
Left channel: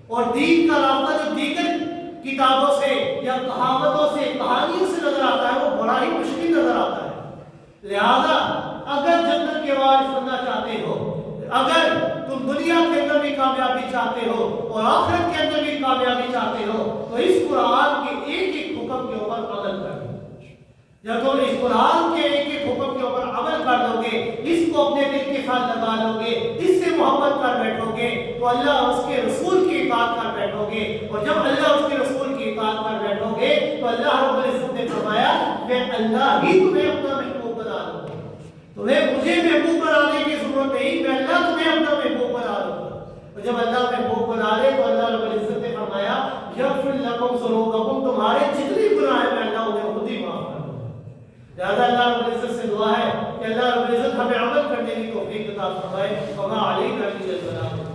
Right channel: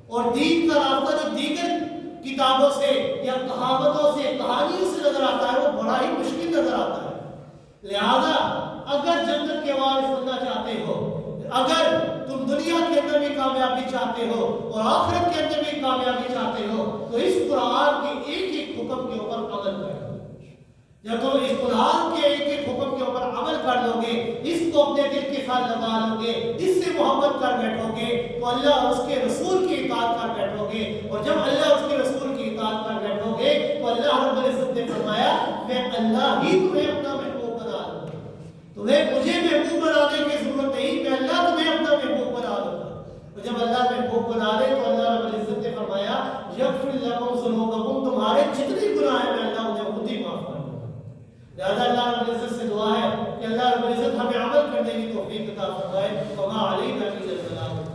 اور دین کا راستہ جو دیگر کتابوں سے یا کہاوتوں سے کہانیوں سے نظر آتا ہے وہ بڑا ہی مشکل نظر آتا ہے۔ لہذا اگر جنت کے وارث بننا چاہتے ہو، اگر تم دنیا کے اندر بھی کامیابی چاہتے ہو اور آخرت کے اندر بھی کامیابی چاہتے ہو تو اس قرآن کے ایک ایک حکم کے اوپر عمل کرو۔ جب تم اس قرآن کے ایک ایک حکم کے اوپر عمل کر لو گے، اس کو اپنے دل کے ساتھ لگا لو گے، اس سے محبت کر بیٹھو گے تو اللہ اس کے رسول کی اطاعت کر بیٹھو گے، اور جب اللہ اس کے رسول کی اطاعت کر بیٹھو گے تو اللہ رب العزت نے فرمایا کہ اللہ ہی تمہیں اپنا محبوب بنا لوں گا، تمہیں مجھے محبوب بنانے کی ضرورت نہیں، میں اللہ تمہیں اپنا محبوب بنا لوں گا۔ اور جب اللہ محبوب بنا لے تو اللہ رب العزت نے فرمایا یغفر لکم ذنوبکم، تمہارے جتنے گناہ ہیں میں اللہ انہیں خود ہی معاف کر دوں گا۔ لہذا اللہ رب العزت سے دعا ہے کہ اللہ رب العزت ہمیں عمل کرنے کی توفیق عطا فرمائے۔ وما علینا الا البلاغ۔